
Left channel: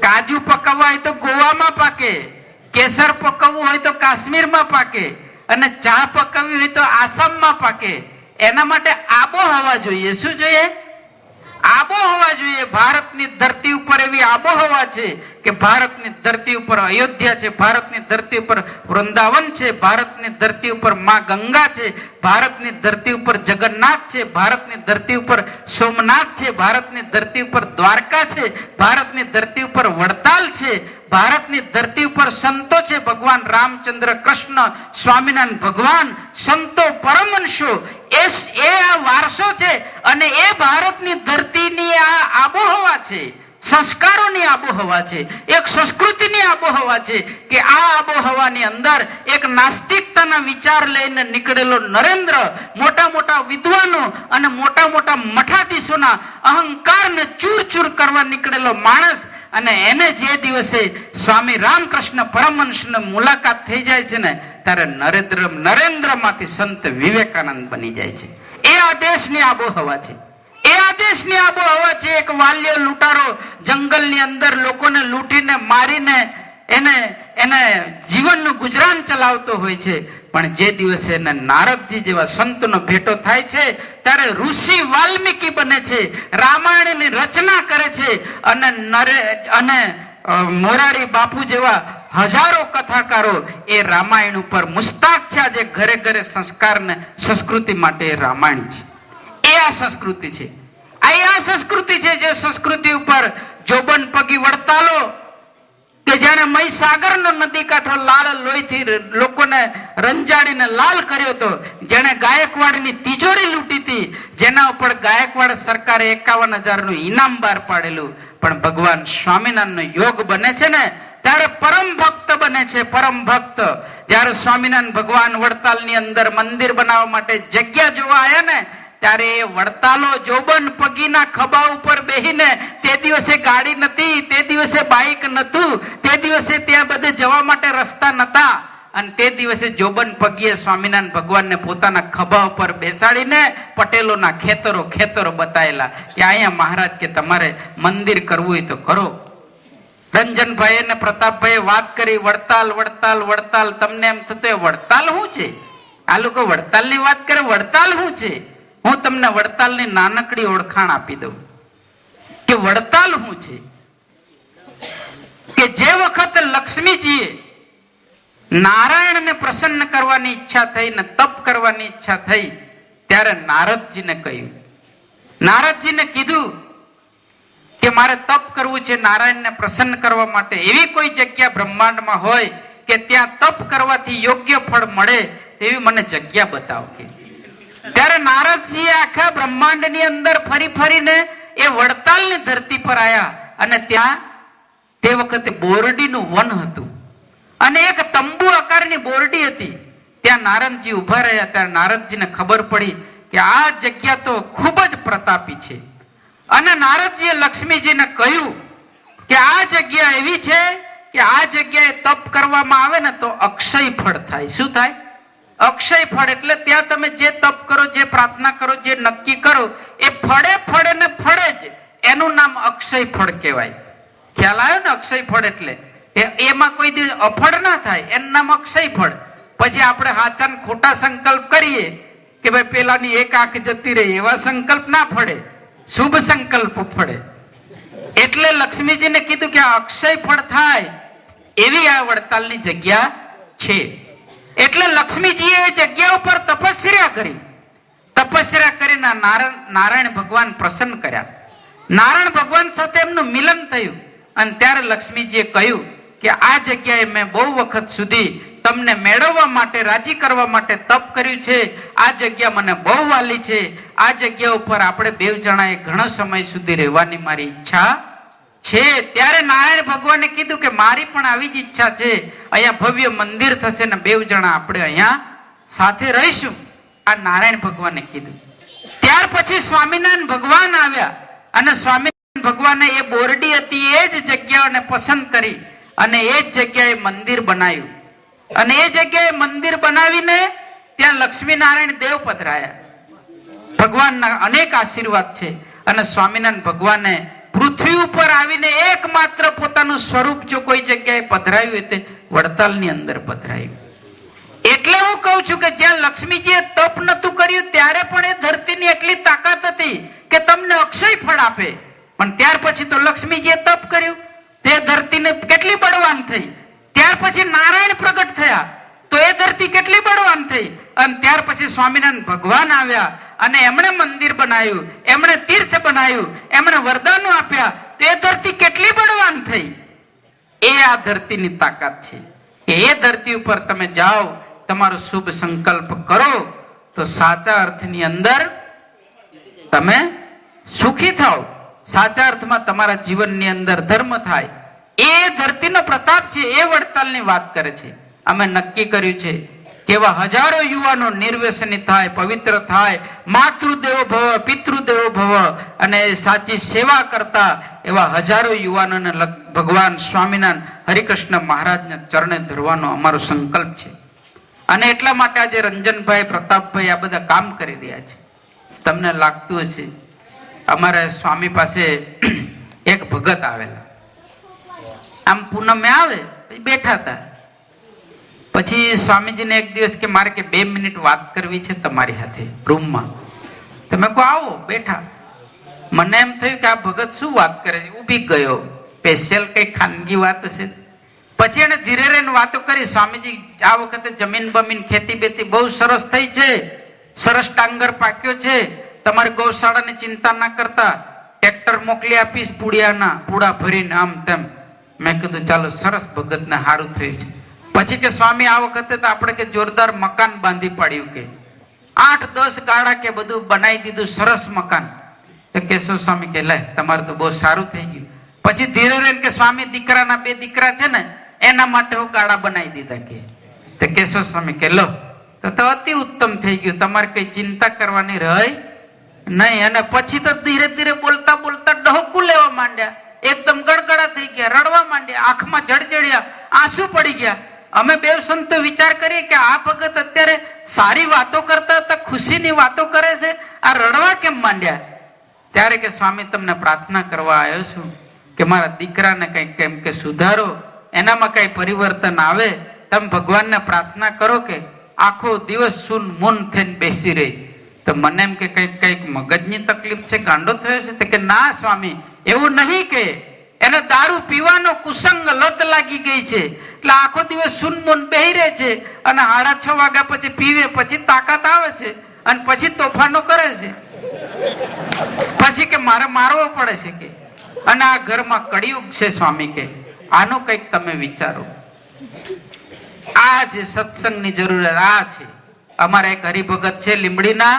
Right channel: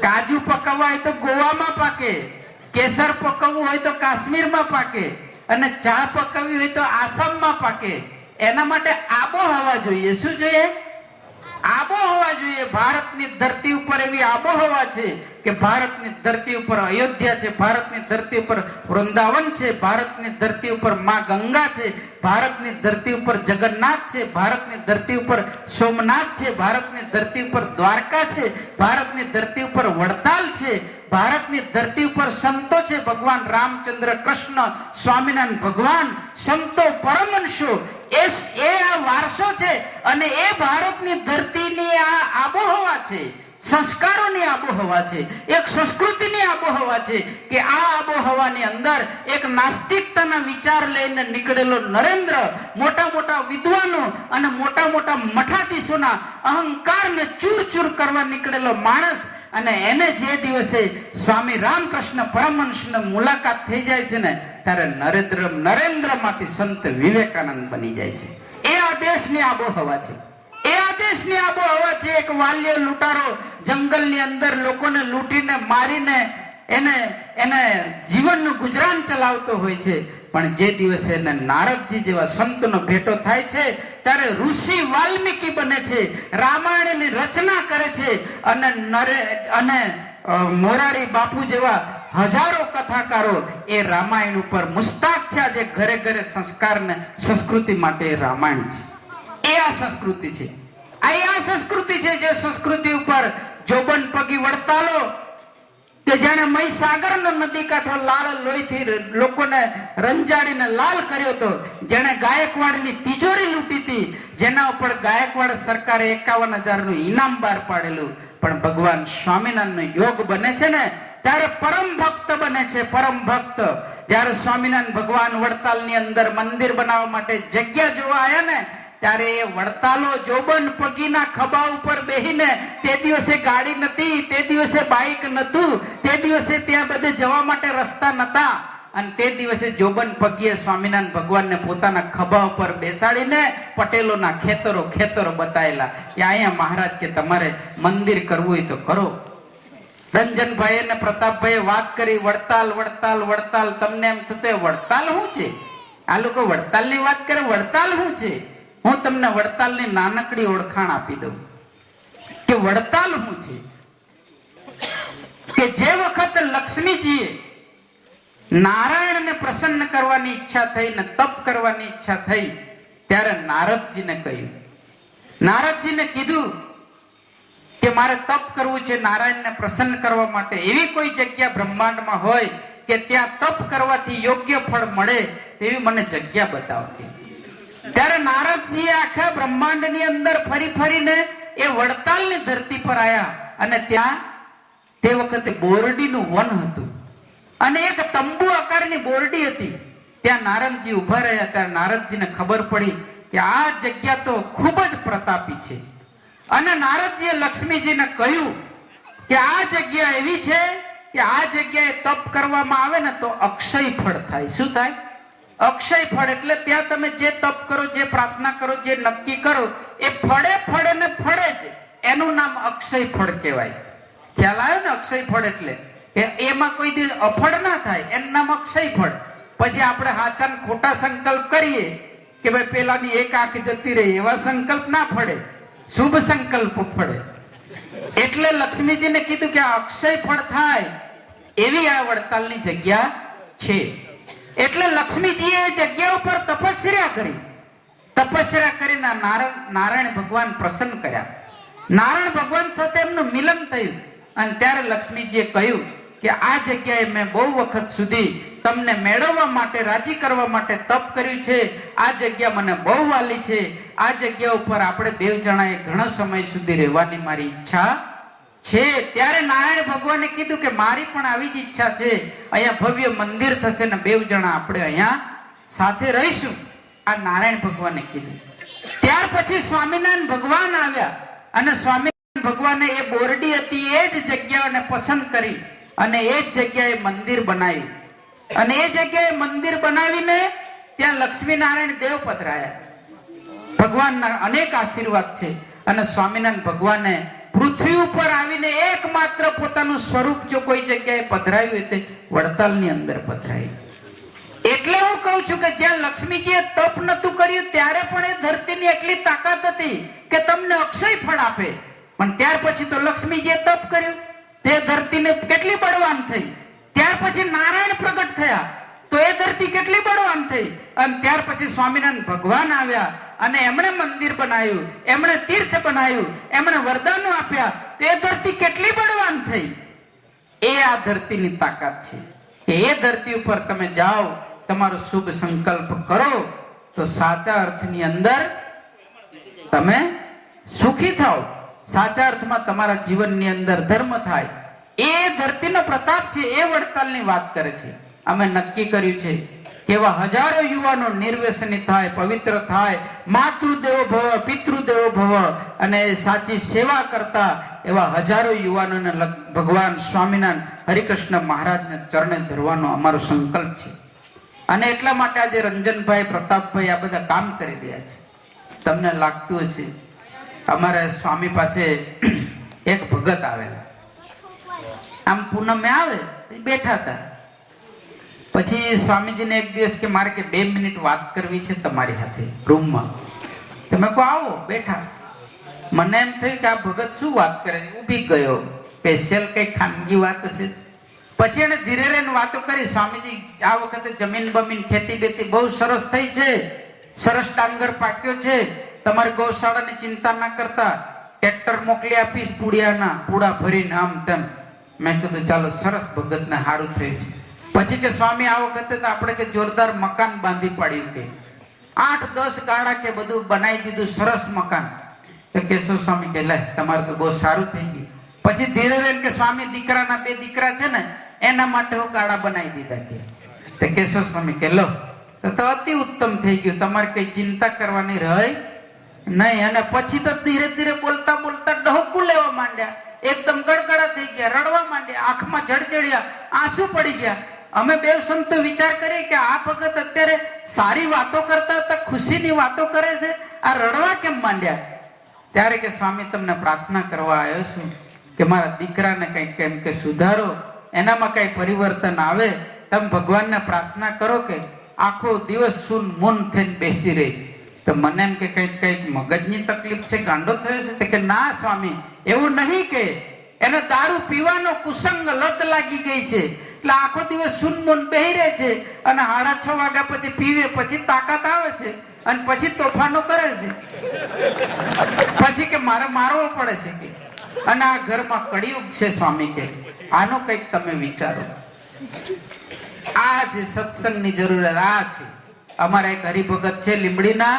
કાજુ પકવવા હોય તો ગોવામાં પાકે, કેસર પકવવું હોય તો કાશ્મીરમાં પાકે, અને ચા પકવવી હોય તો આસામમાં પાકે. એના માટે આબોહવા જોઈએ. શું જોઈએ? આબોહવા જોઈએ. ભારતની ધરતી ઉપર એવી આબોહવા છે કે ભારતની ધરતી ઉપર અયોધ્યા છે, ભારતની ધરતી ઉપર વૃંદાવન છે, ભારતની ધરતી ઉપર માં ગંગા છે, ભારતની ધરતી ઉપર જગન્નાથ છે, ભારતની ધરતી ઉપર સોમનાથ છે, ભારતની ધરતી ઉપર દ્વારકા છે, ભારતની ધરતી ઉપર વડતાલ છે, ભારતની ધરતી ઉપર સંતો છે, ભગવાન રામચંદ્ર કૃષ્ણ સ્વામિનારાયણ ભગવાન, સંતો પરમહંસો, એ આ વારસો છે. અને એ ભારતની ધરતીની આ આબોહવા છે, સંસ્કારોની આબોહવા છે, એક સંસ્કૃતિની આબોહવા છે કે આ આબોહવાની અંદર એક નાસ્તિકતાના વિચાર લઈને નીકળેલો નરેન્દ્ર, મોટા મોટા વિદ્વાનો અને મોટા મોટા મઠાધીશોના અહંકારને ચૂર કરવા નીકળેલો માણસ, અને એને જે દિવસે સ્વામી રામકૃષ્ણ પરમહંસની મુલાકાત થઈ જાય છે ને, ત્યારે નરેન્દ્રમાંથી સંત વિવેકાનંદ બની જાય છે. એ આ દેશની આબોહવા છે. એ આ દેશની આબોહવા છે. એક વાલ્ય લૂંટારો જંગલની અંદર લોકોને લૂંટીને મારીને એને જીવનનું ગુજરાન ચલાવતો હોય છે. પણ જે દિવસે એને નારદજી જેવા સંતનો ભેટો થાય છે, ત્યારે ઋષિ વાલ્મીકી બને છે, રામાયણની રચના કરે છે, અને મોરારી બાપુ જેવા હજારો કથાકારો એ રામાયણ ઉપર મુસ્તાક છે. આજે ઘરે ઘરે સંસ્કારને સંસ્કૃતિ માટે રામાયણ છે. એ આ સંસ્કૃતિ છે. આ સંસ્કૃતિ છે જે સંસ્કૃતિ ઉપર જોબન પગી વડતાલો કે જેને મહીસાગરનો નદી કાંઠો લાલ લોહીથી લોકોને રંજાડીને લાલ કર્યો હતો, જેને ગાયકવાડની તિજોરી લૂંટી હતી, જેના ઉપર ગાયકવાડ સરકારે 51,000 નું ઇનામ બહાર પાડેલું, પણ ભગવાન સ્વામિનારાયણનો યોગ બને છે ને ત્યારે પરમ ભક્ત બને છે. પરમ ભક્ત જ્યારે સ્વામિનારાયણ ભગવાન વડતાલની અંદર મંદિર બનાવવા માટે જગ્યા જોવા આવ્યા ને, ત્યારે એ વડતાલો જોબન પગીના ખભા ઉપર બેહીને, તે દિવસે ગાડી નથી, તે દિવસે બાઇક નતું, તે દિવસે ત્યાં બધે જવા માટે રસ્તા નતા, અને તે દિવસે જોબન પગીએ સ્વામિનારાયણ ભગવાનને પોતાના ખભા ઉપર બેસાડીને પટેલોના ખેતરો બતાવેલા કે અહીંયા મહારાજ કે તમારે મંદિર કરવું હોય તો કરો. રંજનભાઈ અને પ્રતાપભાઈ વાત કરી, વડતાલ, તમને એમ થતું વડતાલ શું છે? આ લોકો વડતાલની વાત કરે, વડતાલ શું છે? હું તમને વડતાલની નાનકડી ઓળખાણ આપી દઉં કે વડતાલ શું છે. કે જે વખત લક્ષ્મીજીએ નારાયણને પ્રસન્ન કરવાની ઈચ્છા થઈ ને તપ કરવાની ઈચ્છા થઈ, ત્યારે નારદજીને કીધું કે મારે તપ કરવું છે નારાયણને પ્રસન્ન કરવા માટે. એવી કોઈ જગ્યા બ્રહ્માંડમાં હોય કે ત્યાં તપ કરવાથી યોગ્ય ફળ મળે તેવી મને જગ્યા બતાવતી. ત્યારે નારદજી આખા બ્રહ્માંડની અંદર ફરીને એ વડતાલની ધરતી પર આવ્યા, અને ત્યાં તે વખતે બોરડીનું વન હતું, અને એક તંબુ આકારની બોરડી હતી. ત્યાં નારદજી ઉભા રહ્યા. ત્યારે નારદજીને ખબર પડી કે આ જગ્યા તો ખૂબ જ પ્રતાપી છે, અને નારદજીએ લક્ષ્મીજીને કહ્યું કે આ જગ્યા એવી છે કે આ જગ્યાએ તપ કરવામાં આવે ને તો અક્ષય ફળ થાય. શું થાય? અક્ષય ફળ. એટલે ત્યાં તમે જે તપ કરો, જે પ્રાર્થના કરો, જે નક્કી કરો, એ ફળે ને ફળે જ. એનું નામ અક્ષય ફળ કહેવાય. ખ્યાલ આવ્યો ને? અક્ષય ફળ એટલે એમાં કોઈ દિવસ અફળ ના થાય, એનું નામ અક્ષય ફળ. પછી આપણે હાચા ને ખોટા સંકલ્પ કરીએ કે ભાઈ પેલાની એક આંખ જતી રહી, એવા સંકલ્પ ના ફળે, શુભ સંકલ્પ ફળે. એટલે લક્ષ્મીજીને કીધું કે આ અક્ષય ફળ થાય એવી આ વડતાલની જગ્યા છે. એટલે લક્ષ્મીજીએ એ જગ્યા ઉપર તપસ્યા કરીને નારાયણ ભગવાન પ્રસન્ન કર્યા. નારાયણ ભગવાન સાથે એમનું મિલન થયું, અને ત્યારે લક્ષ્મીજીએ કહ્યું કે આ જગ્યાએ મેં બહુ વખત સુધી તમને મેળવવા માટે, રાજી કરવા માટે તપ કર્યું છે. આ જગ્યા મને બહુ વાલી છે. આ જગ્યા ઉપર આપણે બેવ જણાએ ઘણો સમય સુધી રહેવાની મારી ઈચ્છા છે. ત્યારે નારાયણ ભગવાને કીધું કે મારી પણ આવી જ ઈચ્છા છે. અહીંયા ભવ્ય મંદિર થશે ને બેવ જણા આપણે અહીંયા સાથે રહીશું. આ નારાયણ ભગવાને કીધું. ત્યાર પછી સ્વામિનારાયણ ભગવાન આવ્યા, અને સ્વામિનારાયણ ભગવાને એ બોરડી હતી એ જ જગ્યાને પસંદ કરી અને એ જ જગ્યાએ મંદિર બનાવ્યું. અને એ જગ્યાએ મંદિર બનાવીને ત્યાં લક્ષ્મીનારાયણ દેવ પધરાયા. ભગવાનના અનેક આશીર્વાદ છે. અને સ્વામિનારાયણ ભગવાને પૃથ્વી ઉપર આવીને એકમાત્ર પોતાનું સ્વરૂપ જો કોઈ જગ્યાએ પધરાયું હોય તે વડતાલની અંદર પધરાયું. એટલે હું કહું છું કે જ્યાં લક્ષ્મીજીએ તપ નતું કર્યું ત્યારે પણ એ ધરતીની એટલી તાકાત હતી કે તમને અક્ષય ફળ આપે. પણ ત્યાર પછી તો લક્ષ્મીજીએ તપ કર્યું, તે ધરતીને કેટલી બળવાન થઈ. ત્યાર પછી નારાયણ પ્રગટ થયા તો એ ધરતી કેટલી બળવાન થઈ. અને ત્યાર પછી સ્વામિનારાયણ ભગવાન આવ્યા અને એમણે મંદિર બનાવ્યું, એમણે તીર્થ બનાવ્યું, એમણે વરદાનો આપ્યા તો એ ધરતી કેટલી બળવાન થઈ. એ આ ધરતીની તાકાત છે કે એ ધરતી ઉપર તમે જાઓ, તમારો શુભ સંકલ્પ કરો તો સાચા અર્થની અંદર તમે સુખી થાઓ, સાચા અર્થમાં તમારા જીવનની અંદર ધર્મ થાય. એ ધરતીનો પ્રતાપ છે. એ વડતાલની વાત કરે છે. અમે નક્કી કર્યું છે કે એવા હજારો યુવાનો નિર્વ્યસની થાય, પવિત્ર થાય, માતૃદેવો ભવ પિતૃદેવો ભવ અને સાચી સેવા કરતા એવા હજારો યુવાનોને ભગવાન સ્વામિનારાયણ હરિકૃષ્ણ મહારાજને ચરણે ધરવાનો અમારો સંકલ્પ છે. અને એટલા માટે આજે રંજનભાઈ, પ્રતાપભાઈ આ બધા કામ કરી રહ્યા છે. તમને લાગતું હશે અમારા સ્વામી પાસે એક ભગત આવેલા, આમ પૂનમે આવે બેઠા હતા. પછી સ્વામીજીને એક દિવસ કે મારે કે 2 મિનિટ વાત કરવી છે તમારી સાથે રૂમમાં. તમે કહો આવો. બેઠા. મને એમ થયું કે આ ભગત શું વાત કરે છે. ઊભી ગયો. સ્પેશિયલ કઈ ખાનગી વાત હશે. પછી એને ધીરે રહીને વાતો કરી. સ્વામીજી આ વખતે જમીન બમીન ખેતી બેતી બહુ સરસ થઈ છે, સરસ ડાંગર પાક્યો છે, તમારી ગૌશાળાની ચિંતા ના કરતા, ટ્રેક્ટર મોકલી આપીશ પૂડિયાના, પૂડા ભરીને આમ તેમ. મેં કીધું ચાલો સરસ, ભગતને સારું થયું છે. પછી કે સ્વામી આ વખતે તો આપણે કે જોરદાર મકાન બાંધી પાડ્યું, કે 8-10 ગાળા કે બધું બનાવી દીધું, સરસ મકાન. તો કેશવ સ્વામી કે લે તમારે તો બહુ સારું થઈ ગયું. પછી ધીરે રહીને કે સ્વામી દીકરાના 2 દીકરા છે ને એના માટે હું ગાળા બનાવી દીધા કે. તો કેશવ સ્વામી કે લો તો અતિ ઉત્તમ થઈ ગયું, તમારે કઈ ચિંતા કરવાની રહી નહીં. અને પછી તો ધીરે ધીરે બોલતા બોલતા ડહોકું લેવા માંડ્યા, એકદમ ગડગડા થઈ ગયા, રડવા માંડ્યા, આંખમાં જળજળ્યા, આંસુ પડી ગયા. અમે બે સંતો વિચાર કરીએ કે આ ભગત અત્યારે સારી વાતો કરતા હતા, ખુશીની વાતો કરે છે, આ રડવા કેમ માંડ્યા? ત્યારે કે સ્વામી તમને પ્રાર્થના કરવા આવ્યો છું કે મારા દીકરાને કઈ કેમ કે સુધારો, એનામાં કઈ પરિવર્તન આવે. તમે ભગવાનને પ્રાર્થના કરો કે આખો દિવસ સૂન મૂન થઈને બેસી રહી. તો મને એમ કે કઈક મગજની તકલીફ છે, ગાંડો થયો છે? તો કે ના સ્વામી એવું નહીં, કે એને દારૂ પીવાનો કુસંગ લત લાગી ગઈ છે, એટલે આખો દિવસ સુનમુન બેહી રહે છે અને 6:30 વાગ્યા પછી પીવે, પછી તાકાત આવે છે અને પછી તોફાનો કરે છે, પછી કે મારે મારવો પડે છે કે. અને આ ઘરમાં કળિયુગ છે સ્વામી કે આનો કંઈક તમે વિચારો. આ જે સત્સંગની જરૂરિયાત આ છે. અમારા એક હરિભગત છે લીંબડીના,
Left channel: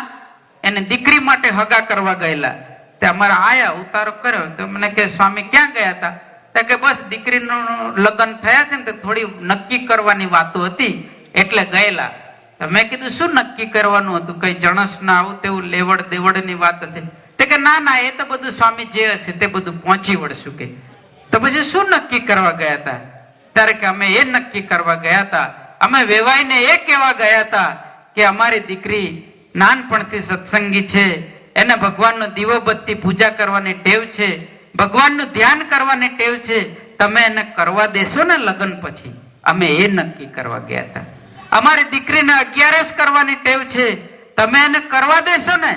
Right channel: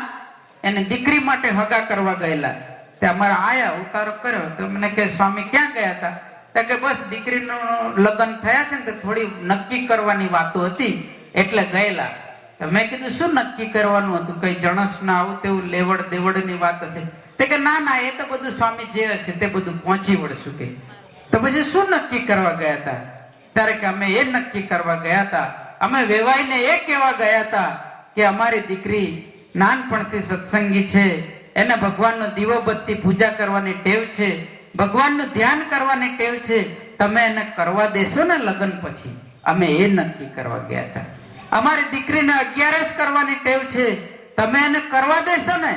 એને દીકરી માટે હગા કરવા ગયેલા. તે અમારા આયા ઉતારો કર્યો તો મને કે સ્વામી ક્યાં ગયા હતા? તો કે બસ દીકરીનું લગ્ન થયા છે ને થોડી નક્કી કરવાની વાતો હતી એટલે ગયેલા. મેં કીધું શું નક્કી કરવાનું હતું? કઈ જણસ ના આવું તેવું લેવડ દેવડની વાત હશે? તે કે ના ના, એ તો બધું સ્વામી જે હશે તે બધું પહોંચી વળશું કે. તો પછી શું નક્કી કરવા ગયા હતા? ત્યારે કે અમે એ નક્કી કરવા ગયા હતા, અમે વેવાઈને એ કહેવા ગયા હતા કે અમારી દીકરી નાનપણથી સત્સંગી છે, એને ભગવાનનો દીવો બત્તી પૂજા કરવાની ટેવ છે, ભગવાનનું ધ્યાન કરવાની ટેવ છે, તમે એને કરવા દેશો ને લગ્ન પછી? અમે એ નક્કી કરવા ગયા હતા. અમારી દીકરીને 11 કરવાની ટેવ છે, તમે એને કરવા દેશો ને?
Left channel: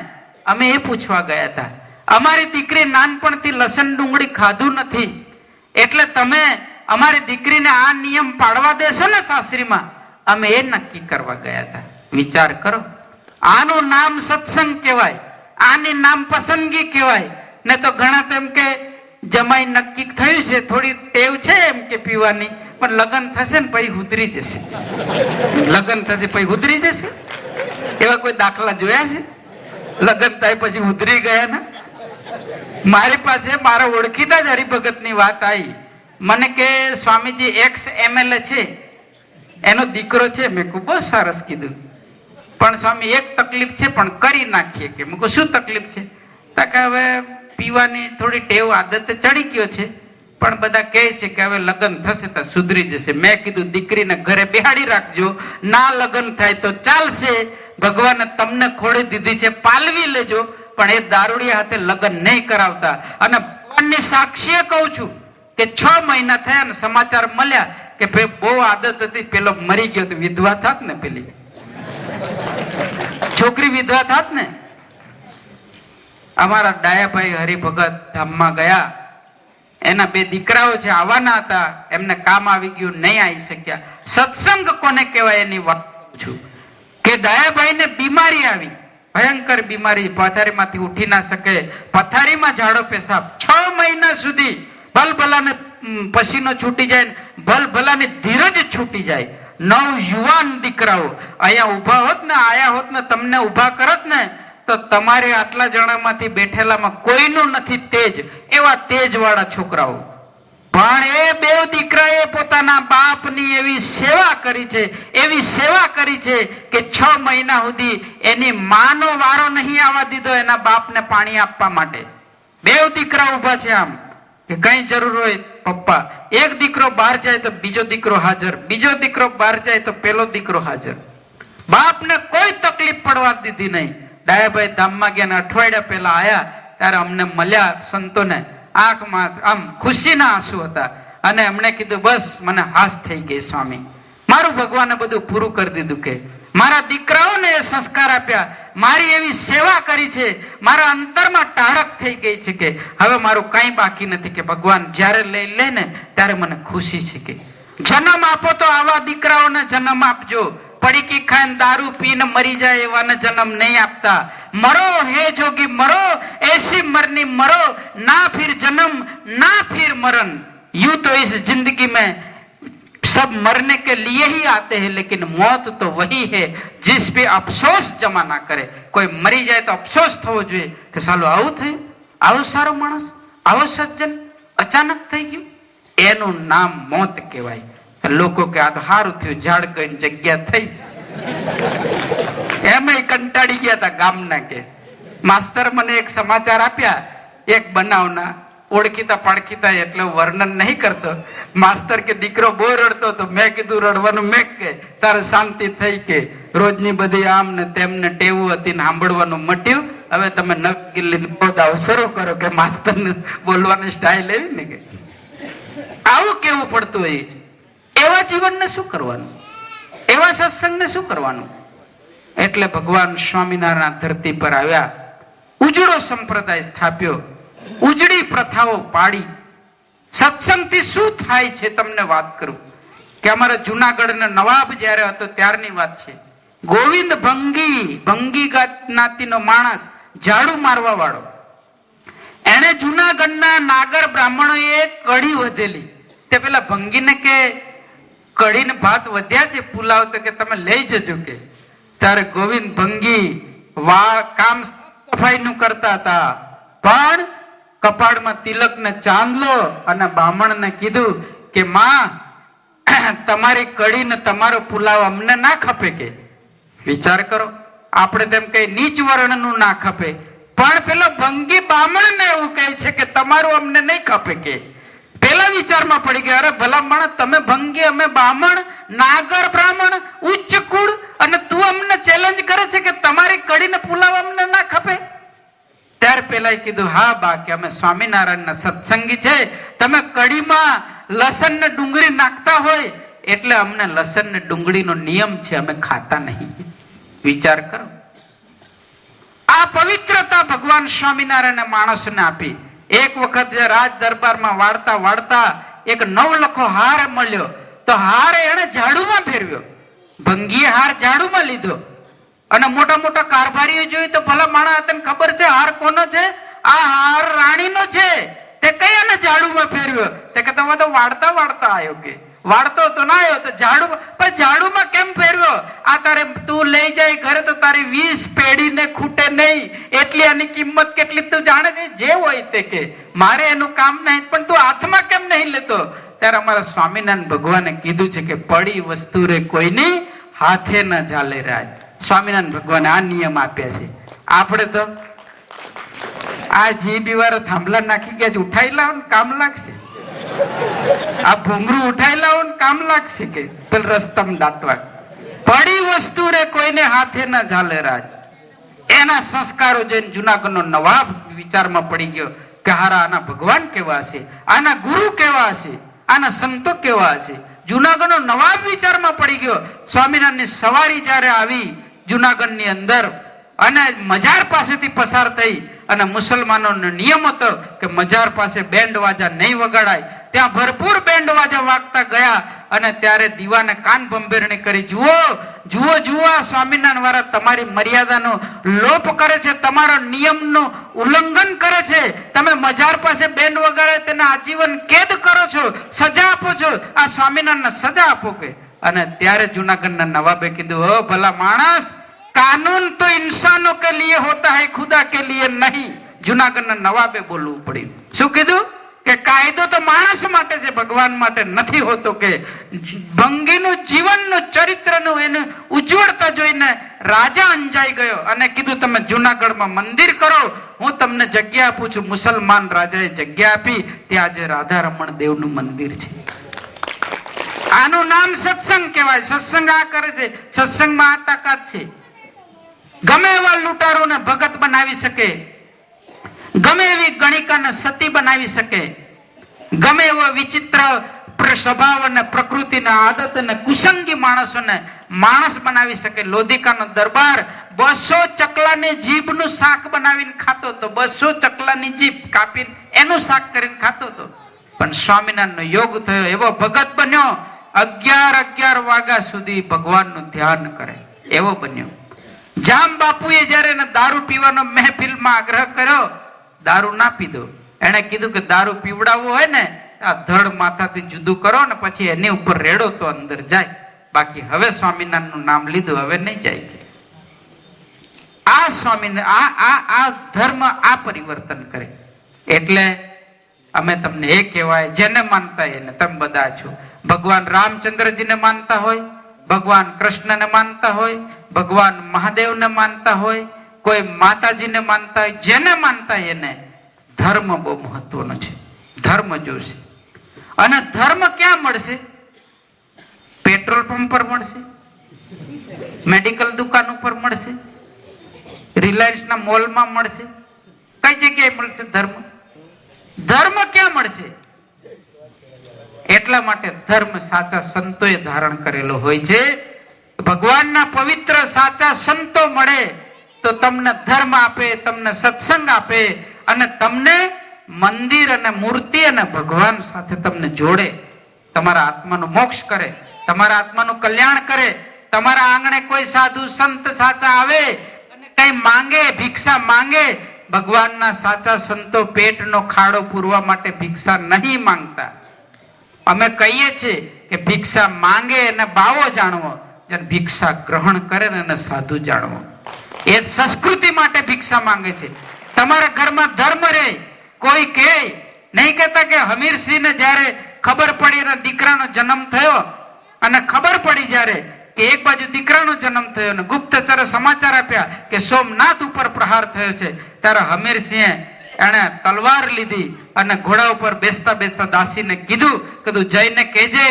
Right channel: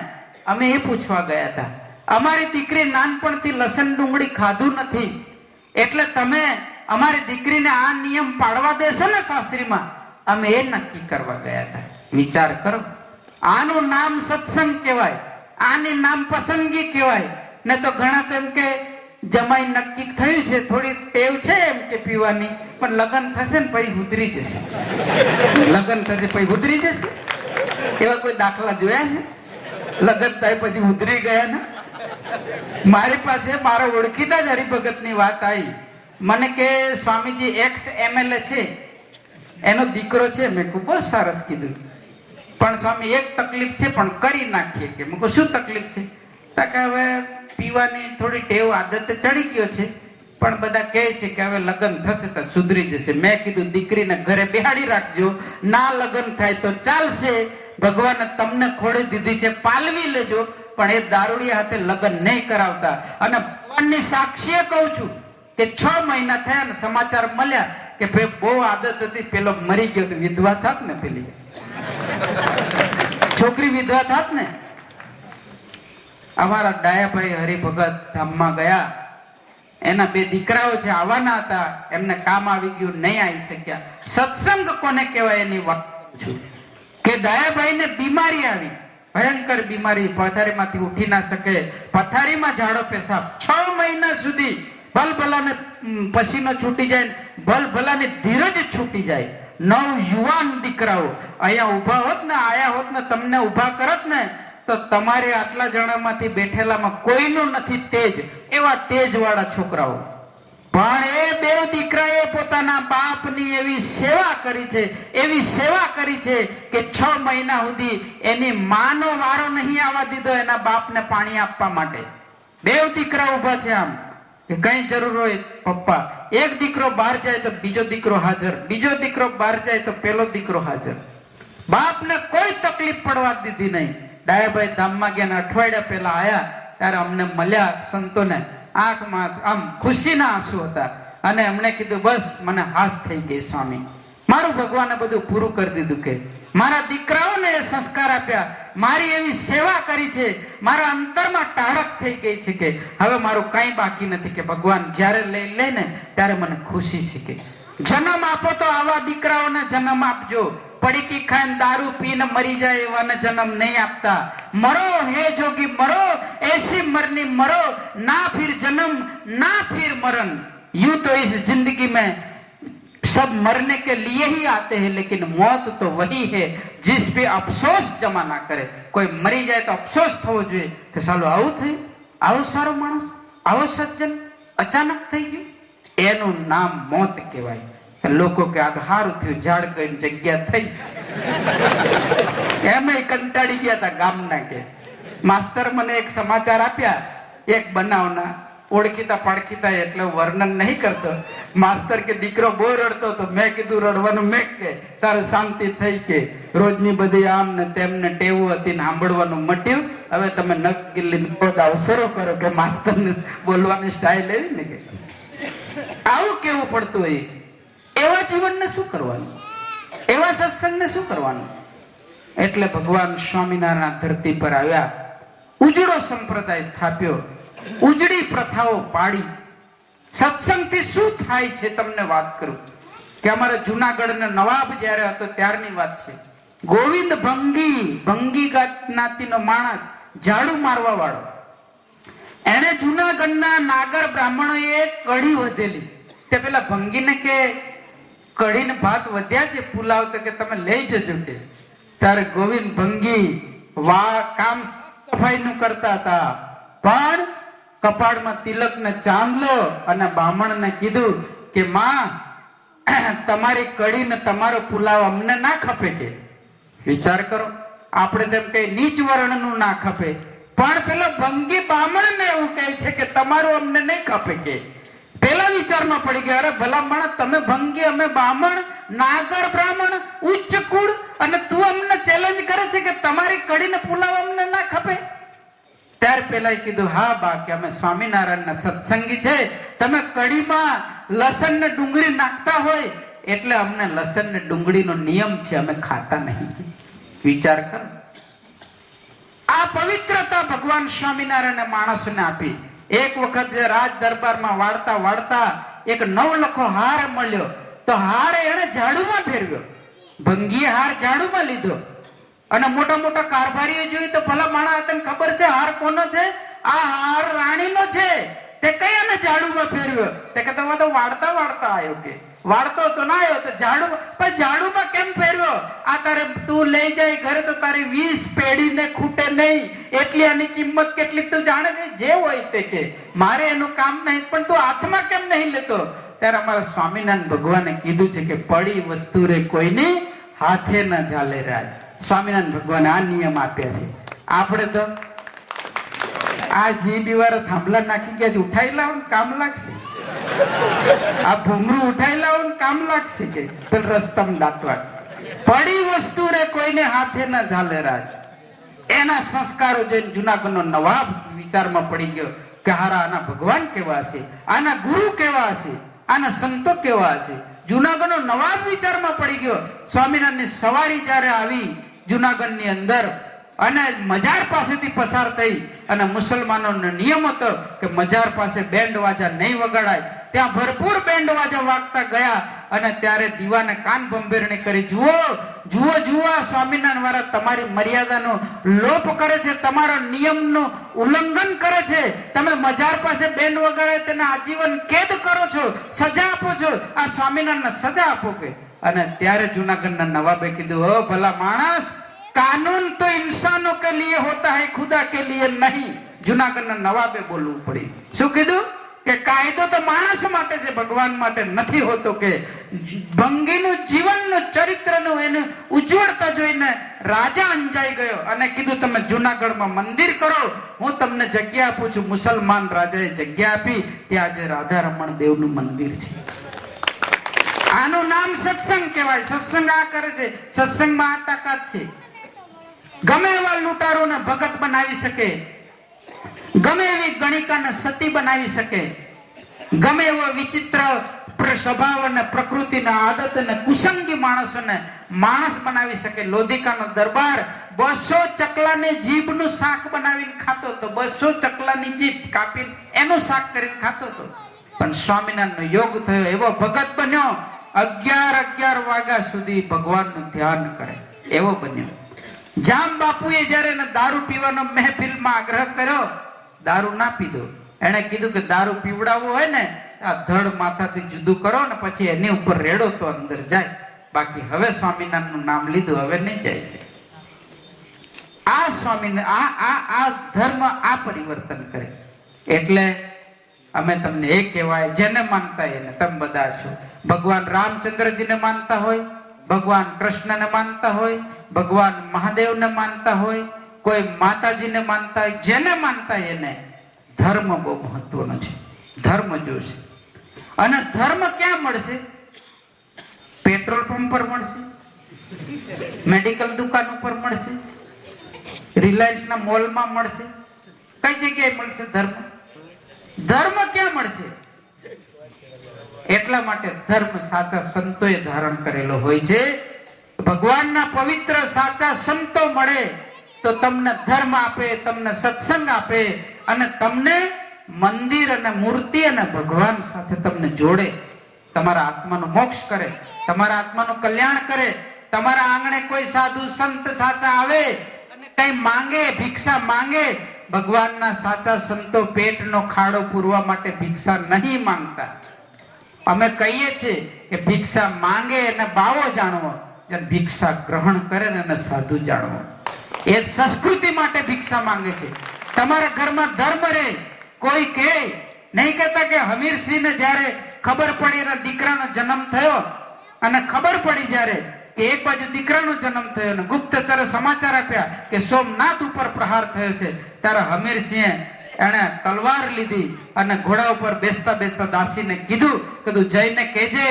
અમે એ પૂછવા ગયા હતા. અમારી દીકરી નાનપણથી લસણ ડુંગળી ખાધું નથી, એટલે તમે અમારી દીકરીને આ નિયમ પાડવા દેશો ને સાસરીમાં? અમે એ નક્કી કરવા ગયા હતા. વિચાર કરો, આનું નામ સત્સંગ કહેવાય, આની નામ પસંદગી કહેવાય. ને તો ઘણા તો એમ કે જમાઈ નક્કી થયું છે, થોડી ટેવ છે એમ કે પીવાની, પણ લગ્ન થશે ને પછી ઉતરી જશે. લગ્ન થશે પછી ઉતરી જશે? એવા કોઈ દાખલા જોયા છે? લગ્ન થાય પછી ઉતરી ગયા ને? મારી પાસે મારા ઓળખીતા જ હરિભગત ની વાત આવી. મને કે સ્વામીજી એક્સ MLA છે, એનો દીકરો છે. મેં ખૂબ જ સરસ કીધું, પણ સ્વામી એક તકલીફ છે પણ કરી નાખીએ કે. મેં કહું શું તકલીફ છે? કે હવે પીવાની થોડી ટેવ આદતે ચડી ગયો છે, પણ બધા કહે છે કે હવે લગ્ન થશે તો સુધરી જશે. મેં કીધું દીકરીને ઘરે બેહાડી રાખજો, ના લગ્ન થાય તો ચાલશે, ભગવાને તમને ખોડી દીધી છે પાલવી લેજો, પણ એ દારૂડિયા હાથે લગ્ન નહીં કરાવતા. અને ભગવાનની સાક્ષીએ કહું છું કે 6 મહિના થયા ને સમાચાર મળ્યા કે ભાઈ બહુ આદત હતી, પેલો મરી ગયો તો વિધવા થાત ને, પેલી છોકરી વિધવા થાત ને. અમારા ડાયાભાઈ હરિભગત ધામમાં ગયા. એના 2 દીકરાઓ જે આવવાના હતા એમને કામ આવી ગયું, નહીં આવી શક્યા. સત્સંગ કોને કહેવાય એની વાત છું કે ડાયાભાઈને બીમારી આવી, ભયંકર બીમારી, પથારીમાંથી ઉઠી ના શકે, પથારીમાં ઝાડો પેશાબ, 6 મહિના સુધી ભલભલાને પસીનો છૂટી જાય, ભલભલાને ધીરજ છૂટી જાય. 9 યુવાન દીકરાઓ અહીંયા ઉભા હોત ને, આયા હોત ને, તમને ઉભા કરત ને તો તમારે આટલા જણામાંથી બેઠેલામાં કોઈનું નથી તેજ, એવા તેજ વાળા છોકરાઓ. પણ એ 2 દીકરાએ પોતાના બાપની એવી સેવા કરી છે, એવી સેવા કરી છે કે 6 મહિના સુધી એની માનો વારો નહીં આવવા દીધો એના બાપને પાણી આપવા માટે. 2 દીકરા ઉભા છે આમ કે કઈ જરૂર હોય પપ્પા. એક દીકરો બહાર જાય તો બીજો દીકરો હાજર, બીજો દીકરો બહાર જાય તો પેલો દીકરો હાજર. બાપને કોઈ તકલીફ પડવા દીધી નહીં. ડાયાભાઈ ધામમાં ગયા, અઠવાડિયા પહેલા આયા ત્યારે અમને મળ્યા સંતોને, આંખમાં આમ ખુશીના આંસુ હતા. અને એમણે કીધું બસ મને હાશ થઈ ગઈ સ્વામી, મારું ભગવાને બધું પૂરું કરી દીધું. કે મારા દીકરાઓને એ સંસ્કાર આપ્યા, મારી એવી સેવા કરી છે, મારા અંતરમાં ટાળક થઈ ગઈ છે કે હવે મારું કઈ બાકી નથી. કે ભગવાન જ્યારે લઈ લે ને ત્યારે મને ખુશી છે. કે જન્મ આપો તો આવા દીકરાઓને જન્મ આપજો, પડીકી ખાઈને દારૂ પીને મરી જાય એવાને જન્મ નહીં આપતા. मरो हे जोगी मरो, ऐसी मरनी मरो, ना फिर जन्म ना फिर मरण. यूं तो इस जिंदगी में सब मरने के लिए ही आते हैं, लेकिन मौत तो वही है जिस पे अफसोस जमा ना करे. कोई मरी जाए तो अफसोस થવો જોઈએ કે સાલો આવું થયું, આવો સારો માણસ, આવો સજ્જન અચાનક થઈ ગયું, એનું નામ મોત કહેવાય. લોકો કે આ તો સારું થયું, ઝાડ કઈ જગ્યા થઈ. એમ કંટાળી ગયા હતા ગામના. કે માસ્તર મને એક સમાચાર આપ્યા એક બનાવના, ઓળખીતા પાડખીતા એટલે વર્ણન નહીં કરતો. માસ્તર કે દીકરો બહુ રડતો તો મેં કીધું રડવાનું મેં કે તારે શાંતિ થઈ. કે રોજની બધી આમ ને તેમને ટેવું હતી ને સાંભળવાનું મટ્યું, હવે તમે નકલી શરૂ કરો. કે માસ્તર ને બોલવાની સ્ટાઇલ એવી ને કે આવું કેવું પડતું હોય. એવા જીવનને શું કરવાનું, એવા સત્સંગને શું કરવાનું. એટલે ભગવાન સ્વામિનારાયણ ધરતી પર આવ્યા, ઉજળો સંપ્રદાય સ્થાપ્યો, ઉજળી પ્રથાઓ પાડી. સત્સંગથી શું થાય છે તમને વાત કરું કે અમારા જુનાગઢના નવાબ જયારે હતો ત્યારની વાત છે. ગોવિંદ ભંગી જ્ઞાતિનો માણસ, ઝાડુ મારવા વાળો, એને જુનાગઢના નાગર બ્રાહ્મણોએ કઢી વધેલી. તે પેલા ભંગીને કે કઢીને ભાત વધ્યા છે પુલાવ, તો કે તમે લઈ જજો. કે ત્યારે ગોવિંદ ભંગી કામ સફાઈ નું કરતા હતા, પણ કપાળમાં તિલક ને ચાંદલો, અને બ્રાહ્મણ ને કીધું કે માં તમારી કઢી ને તમારો પુલાવ અમને ના ખપે. કે વિચાર કરો, આપણે તેમ કઈ નીચ વર્ણ નું ના ખપે, પણ પેલો ભંગી બ્રાહ્મણ ને એવું કહે છે કે તમારું અમને નહીં ખપે. કે પેલા વિચારમાં પડી ગયા, અરે ભલા માણસ, તમે ભંગી, અમે બ્રાહ્મણ, નાગર બ્રાહ્મણ, ઉચ્ચ કુળ, અને તું અમને ચેલેન્જ કરે છે કે તમારી કઢી ને પુલાવ અમને ના ખપે. ત્યાર પેલા કીધું હા બા, કે અમે સ્વામિનારાયણ ના સત્સંગી છે, તમે કઢીમાં લસણ ને ડુંગળી નાખતા હોય એટલે અમને લસણ ને ડુંગળીનો નિયમ છે, અમે ખાતા નહીં. વિચાર કરો, આ પવિત્રતા ભગવાન સ્વામિનારાયણ માણસને આપી. એક વખત રાજ દરબારમાં વાળતા વાળતા એક નવલખો હાર મળ્યો, તો હાર એને ઝાડુમાં ફેરવ્યો. ભંગીએ હાર ઝાડુમાં લીધો, અને મોટા મોટા કારભારીઓ જોયું તો ભલા માણસ તને ખબર છે હાર કોનો છે? આ હાર રાણીનો છે. તે કયાને ઝાડુમાં ફેરવ્યો? તે કે તમે તો વાળતા વાળતા આવ્યો. કે વાળતો તો ના આવ્યો તો ઝાડુમાં કેમ ફેરવ્યો? આ તારે તું લઈ જાય ઘરે તો તારી 20 પેઢી ને ખૂટે નહીં, એટલી આની કિંમત કેટલી તું જાણે છે. જે હોય તે કે મારે એનું કામ નહીં, પણ તું હાથમાં કેમ નહીં લેતો? ત્યારે અમારા સ્વામિનારાયણ ભગવાને કીધું છે કે પડી વસ્તુ રે કોઈની હાથે ન ઝાલે રાજ. સ્વામિનારાયણ ભગવાને આ નિયમ આપ્યા છે. આપણે તો આ જીભ વાળો થાંભલા નાખી ગયા, ઉઠાઈ લાવો ને કામ લાગશે. આ ભૂમરું ઉઠાઈ લાવો ને કામ લાગશે. કે પેલ રસ્તામાં દાટવા, પડી વસ્તુ રે કોઈને હાથે ન ઝાલે રાજ. એના સંસ્કારો જોઈને જુનાગઢનો નવાબ વિચારમાં પડી ગયો કે હારા આના ભગવાન કેવા હશે, આના ગુરુ કેવા હશે, આના સંતો કેવા હશે. જુનાગઢનો નવાબ વિચારમાં પડી ગયો. સ્વામિનારાયણની સવારી જયારે આવી જુનાગઢની અંદર, અને મજાર પાસેથી પસાર થઈ અને મુસલમાનોનો નિયમ હતો કે મજાર પાસે બેન્ડ વાજા નહીં વગાડાય. ત્યાં ભરપૂર બેન્ડ વાજા વાગતા ગયા અને ત્યારે દીવાને કાન ભંભેરણી કરી, જુઓ જુઓ જુઓ, આ સ્વામિનારાયણ વાળા તમારી મર્યાદાનો લોપ કરે છે, તમારા નિયમનું ઉલ્લંઘન કરે છે. તમે મજાર પાસે બેન્ડ વગાડે તેને આજીવન કેદ કરો છો, સજા આપો છો, આ સ્વામિનારાયણ સજા આપો કે. અને ત્યારે જુનાગઢના નવાબે કીધું, ઓ ભલા માણસ, કાનૂન તો ઇન્સાનો કે લીએ હોતા હૈ, ખુદા કે લીએ નહીં. જુનાગઢના નવાબે બોલવું પડ્યું. શું કીધું? કે કાયદો તો માણસ માટે છે, ભગવાન માટે નથી હોતો. કે ભંગીનું જીવનનું ચરિત્રનું એને ઉજ્જવળતા જોઈને રાજા અંજાઈ ગયો અને કીધું, તમે જુનાગઢમાં મંદિર કરો, હું તમને જગ્યા આપું છું. મુસલમાન રાજાએ જગ્યા આપી, ત્યાં આજે રાધા રમણ દેવનું મંદિર છે. આનું નામ સત્સંગ કહેવાય. સત્સંગ આ કરે છે, સત્સંગમાં આ તાકાત છે. ગમે એવા લૂંટારોને ભગત બનાવી શકે, ગમે એવી ગણિકાને સતી બનાવી શકે, ગમે એવો વિચિત્ર સ્વભાવ અને પ્રકૃતિના આદત અને કુસંગી માણસોને માણસ બનાવી શકે. લોધિકાનો દરબાર 200 ચકલાની જીભનું શાક બનાવીને ખાતો હતો. 200 ચકલાની જીભ કાપીને એનું શાક કરીને ખાતો હતો. પણ સ્વામિનારાયણનો યોગ થયો, એવો ભગત બન્યો, 11 વાગ્યા સુધી ભગવાનનું ધ્યાન કરે એવો બન્યો. જામ બાપુએ જયારે એને દારૂ પીવાનો મહેફિલમાં આગ્રહ કર્યો, દારૂ ના પીધો. એને કીધું કે દારૂ પીવડાવવો હોય ને આ ધડ માથાથી જુદું કરો ને પછી એની ઉપર રેડો તો અંદર જાય, બાકી હવે સ્વામિનારાયણનું નામ લીધું હવે નહીં જાય. આ સ્વામિનારાયણ આ ધર્મ આ પરિવર્તન કરે. એટલે અમે તમને એ કહેવાય, જેને માનતા એને, તમે બધા છો. ભગવાન રામચંદ્રજીને માનતા હોય, ભગવાન કૃષ્ણને માનતા હોય, ભગવાન મહાદેવને માનતા હોય, કોઈ માતાજીને માનતા હોય, જેને માનતા એને ધર્મ બહુ મહત્વનો છે. ધર્મ જોશે. અને ધર્મ ક્યાં મળશે? પેટ્રોલ પંપ પર મળશે, મેડિકલ દુકાન ઉપર મળશે, રિલાયન્સના મોલમાં મળશે. કઈ જગ્યાએ મળશે ધર્મ? ધર્મ ક્યાં મળશે? એટલા માટે ધર્મ સાચા સંતોએ ધારણ કરેલો હોય છે. ભગવાનના પવિત્ર સાચા સંતો મળે તો તમને ધર્મ આપે, તમને સત્સંગ આપે અને તમને મંદિર અને મૂર્તિ અને ભગવાન સાથે તમને જોડે, તમારા આત્માનું મોક્ષ કરે, તમારા આત્માનું કલ્યાણ કરે. તમારા આંગણે કોઈ સાધુ સંત સાચા આવે અને કઈ માંગે, ભિક્ષા માંગે, ભગવાનના સાચા સંતો પેટનો ખાડો પૂરવા માટે ભિક્ષા નહીં માંગતા. અમે કહીએ છીએ કે ભિક્ષા માંગે એને બાવો જાણવો, ભિક્ષા ગ્રહણ કરે ને એને સાધુ જાણવો. એ સંસ્કૃતિ માટે ભિક્ષા માંગે છે. તમારા ઘરમાં ધર્મ રહે. કોઈ કહે નહીં, કહેતા કે હમીરસિંહ ને જયારે ખબર પડી એના દીકરાનો જન્મ થયો અને ખબર પડી જયારે કે એક બાજુ દીકરાનો જન્મ થયો અને ગુપ્તચરે સમાચાર આપ્યા કે સોમનાથ ઉપર પ્રહાર થયો છે, ત્યારે હમીરસિંહે એને તલવાર લીધી અને ઘોડા ઉપર બેસતા બેસતા દાસીને કીધું કે તું જઈને કહેજે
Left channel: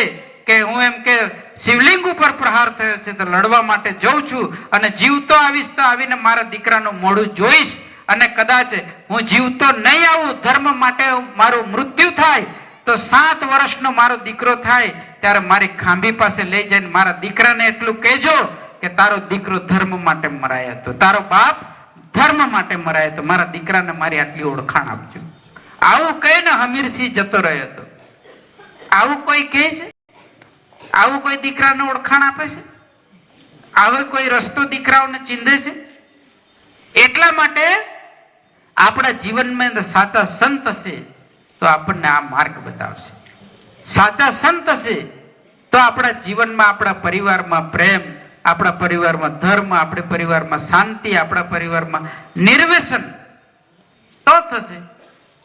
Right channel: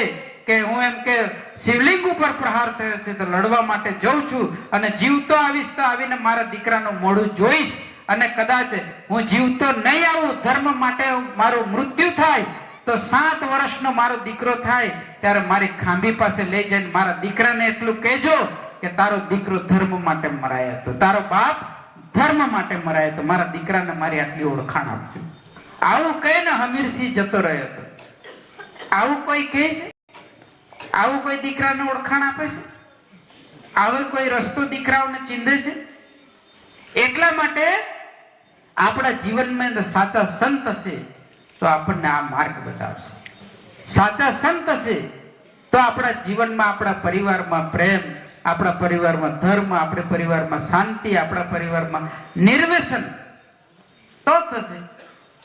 કે હું એમ કે શિવલિંગ ઉપર પ્રહાર થયો છે તો લડવા માટે જઉં છું અને જીવતો આવીશ તો આવીને મારા દીકરાનું મોઢું જોઈશ, અને કદાચ હું જીવતો નહીં આવું, ધર્મ માટે મારું મૃત્યુ થાય તો 7 વર્ષનો મારો દીકરો થાય ત્યારે મારી ખાંભી પાસે લઈ જઈને મારા દીકરાને એટલું કહેજો કે તારો દીકરો ધર્મ માટે મરાયો હતો, તારો બાપ ધર્મ માટે મરાયો હતો, મારા દીકરાને મારી આટલી ઓળખાણ આપજો. આવું કહીને હમીરસિંહ જતો રહ્યો હતો. આવું કોઈ કહે છે? આવું કોઈ દીકરાને ઓળખાણ આપે છે? આવો કોઈ રસ્તો દીકરાઓને ચીંધે છે? એટલા માટે આપણા જીવનમાં સાચા સંત હશે તો આપણને આ માર્ગ બતાવશે. સાચા સંત હશે તો આપણા જીવનમાં, આપણા પરિવારમાં પ્રેમ, આપણા પરિવારમાં ધર્મ, આપણા પરિવારમાં શાંતિ, આપણા પરિવારમાં નિર્વ્યસન તો થશે.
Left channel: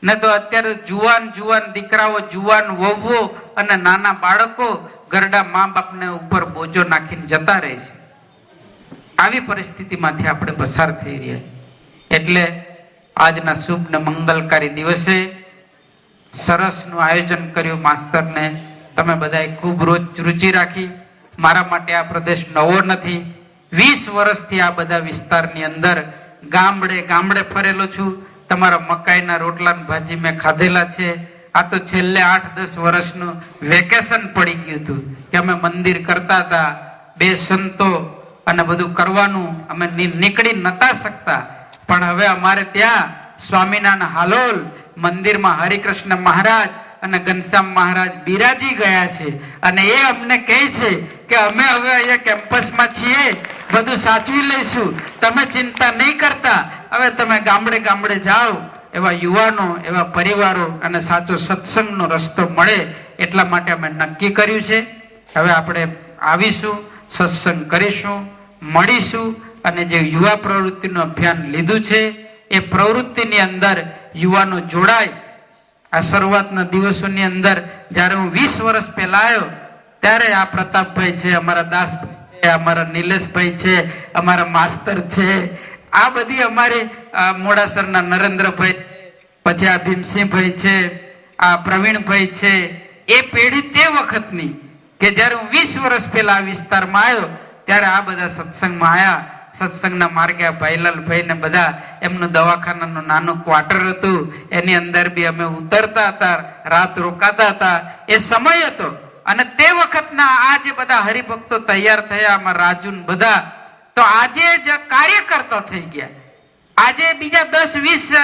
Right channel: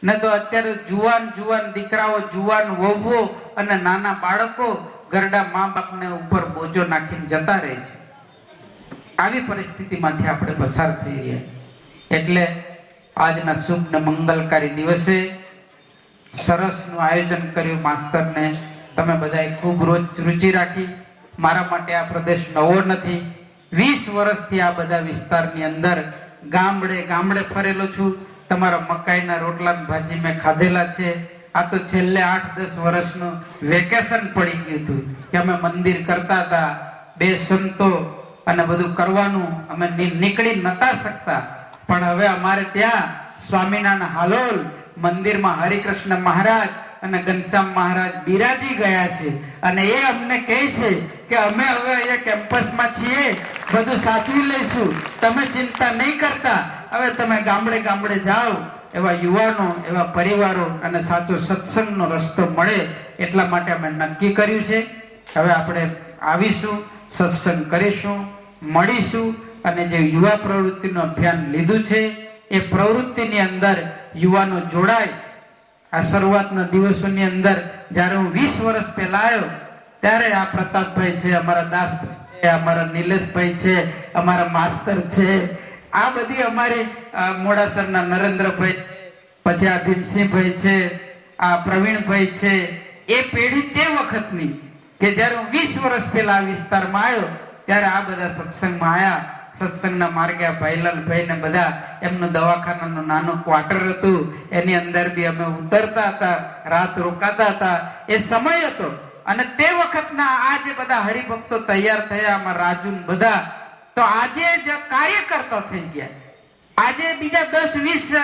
ન તો અત્યારે જુવાન દીકરાઓ, જુવાન વહુઓ અને નાના બાળકો ગરડા મા બાપને ઉપર બોજો નાખીને જતા રહે છે. આવી પરિસ્થિતિમાંથી આપણે પસાર થઈ રહ્યા. એટલે આજના શુભ ને મંગલકારી દિવસે સરસનું આયોજન કર્યું. માસ્તરને તમે બધાએ ખૂબ રુચિ રાખી. મારા માટે આ પ્રદેશ નવો નથી. 20 વર્ષથી આ બધા વિસ્તારની અંદર ગામડે ફરેલો છું. તમારા મકાઈના રોટલા ભાજી મેં ખાધેલા છે. આ તો છેલ્લે 8-10 વર્ષનું વેકેશન પડી ગયું હતું કે અમે મંદિર કરતા હતા. 2 સંતો અને બધું કરવાનું અમે નીકળી નતા શકતા, પણ હવે અમારે ત્યાં સ્વામિનારાયણ હાલોલ મંદિરમાં હરિકૃષ્ણ મહારાજ અને ઘનશ્યામ મહારાજ બિરાજી ગયા છે અને એ અમને કહે છે કે અમે હવે અહીંયા કેમ્પસમાં છીએ, બધું સાચવી લઈશું, તમે ચિંતા નહીં કરતા, હવે તમે ગામડે ગામડે જાઓ. એવા યુવાનો, એવા પરિવારો અને સાચો સત્સંગનો રસ્તો મળે એટલા માટે અમે નક્કી કર્યું છે. હવે આપણે આવીશું, સત્સંગ કરીશું, મળીશું અને જે યુવા પ્રવૃત્તિનું અભિયાન લીધું છે એ પ્રવૃત્તિની અંદર યુવાનો જોડાય. આ શરૂઆતના દિવસોની અંદર જ્યારે હું 20 વર્ષ પહેલા આવ્યો ત્યારે આ પ્રતાપભાઈ છે, અમારા દાસભાઈ છે, અમારા નિલેશભાઈ છે, અમારા માસ્તર છે, આ બધી અમારી મોડાસરના નરેન્દ્રભાઈ, પછી આ ભીમસિંહભાઈ છે, આ પ્રવીણભાઈ છે, એ પેઢી તે વખતની કે જ્યારે હું 20 વર્ષ પહેલા આ વિસ્તારમાં આવ્યો ત્યારે આ બધા સત્સંગમાં આવ્યા. સત્સંગના માર્ગે આ ભાઈલાલભાઈ ને બધા એમનું દવાખાનાનું નાનું ક્વાર્ટર હતું, એની અંદર બી અમે ઉતરતા હતા, રાત રોકાતા હતા. એ સમય હતો અને તે વખતના આ જે બધા હરિભક્તો તૈયાર થયા, આમાં રાજુ બધા, તો આજે જ કાર્યકર્તા થઈ ગયા. આજે બીજા 10-20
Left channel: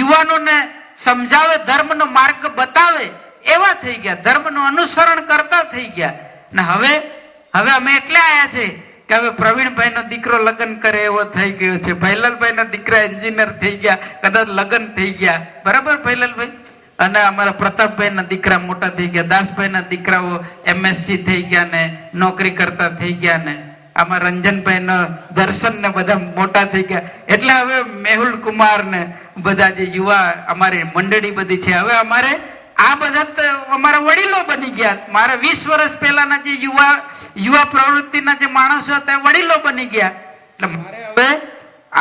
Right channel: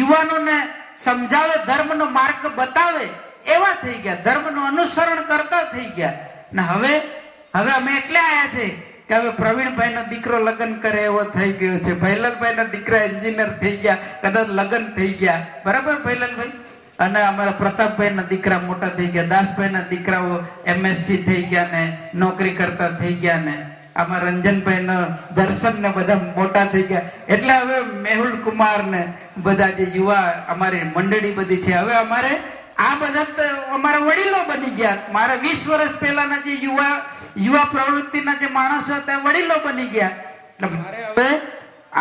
યુવાનોને સમજાવે, ધર્મનો માર્ગ બતાવે એવા થઈ ગયા, ધર્મનું અનુસરણ કરતા થઈ ગયા. ને હવે અમે એટલે આયા છે કે હવે પ્રવીણભાઈ નો દીકરો લગ્ન કરે એવો થઈ ગયો છે, ભૈલાલભાઈ ના દીકરા એન્જિનિયર થઈ ગયા, કદાચ લગ્ન થઈ ગયા, બરાબર ભૈલાલભાઈ? અને અમારા પ્રતાપભાઈ ના દીકરા મોટા થઈ ગયા, દાસભાઈ ના દીકરાઓ MSc થઈ ગયા ને નોકરી કરતા થઈ ગયા, ને આમાં રંજનભાઈ નો દર્શન ને બધા મોટા થઈ ગયા. એટલે હવે મેહુલ કુમાર ને બધા જે યુવા અમારી મંડળી બધી છે, હવે અમારે આ બધા અમારા વડીલો બની ગયા. મારા 20 વર્ષ પહેલાના જે યુવા પ્રવૃત્તિના જે માણસો હતા એ વડીલો બની ગયા. એટલે મારે હવે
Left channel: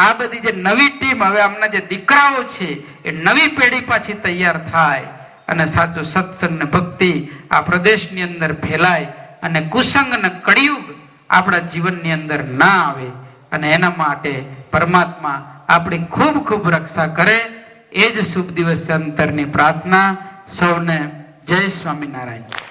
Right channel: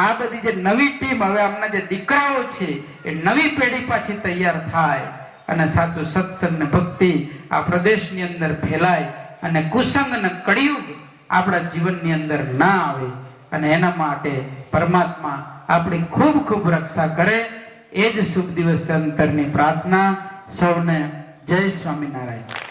આ બધી જે નવી ટીમ, હવે આમના જે દીકરાઓ છે એ નવી પેઢી પાછી તૈયાર થાય અને સાચું સત્સંગ ને ભક્તિ આ પ્રદેશની અંદર ફેલાય અને કુસંગ ને કળિયુગ આપણા જીવનની અંદર ના આવે અને એના માટે પરમાત્મા આપણી ખૂબ ખૂબ રક્ષા કરે. એ જ શુભ દિવસ અંતરની પ્રાર્થના. સૌને જય સ્વામિનારાયણ.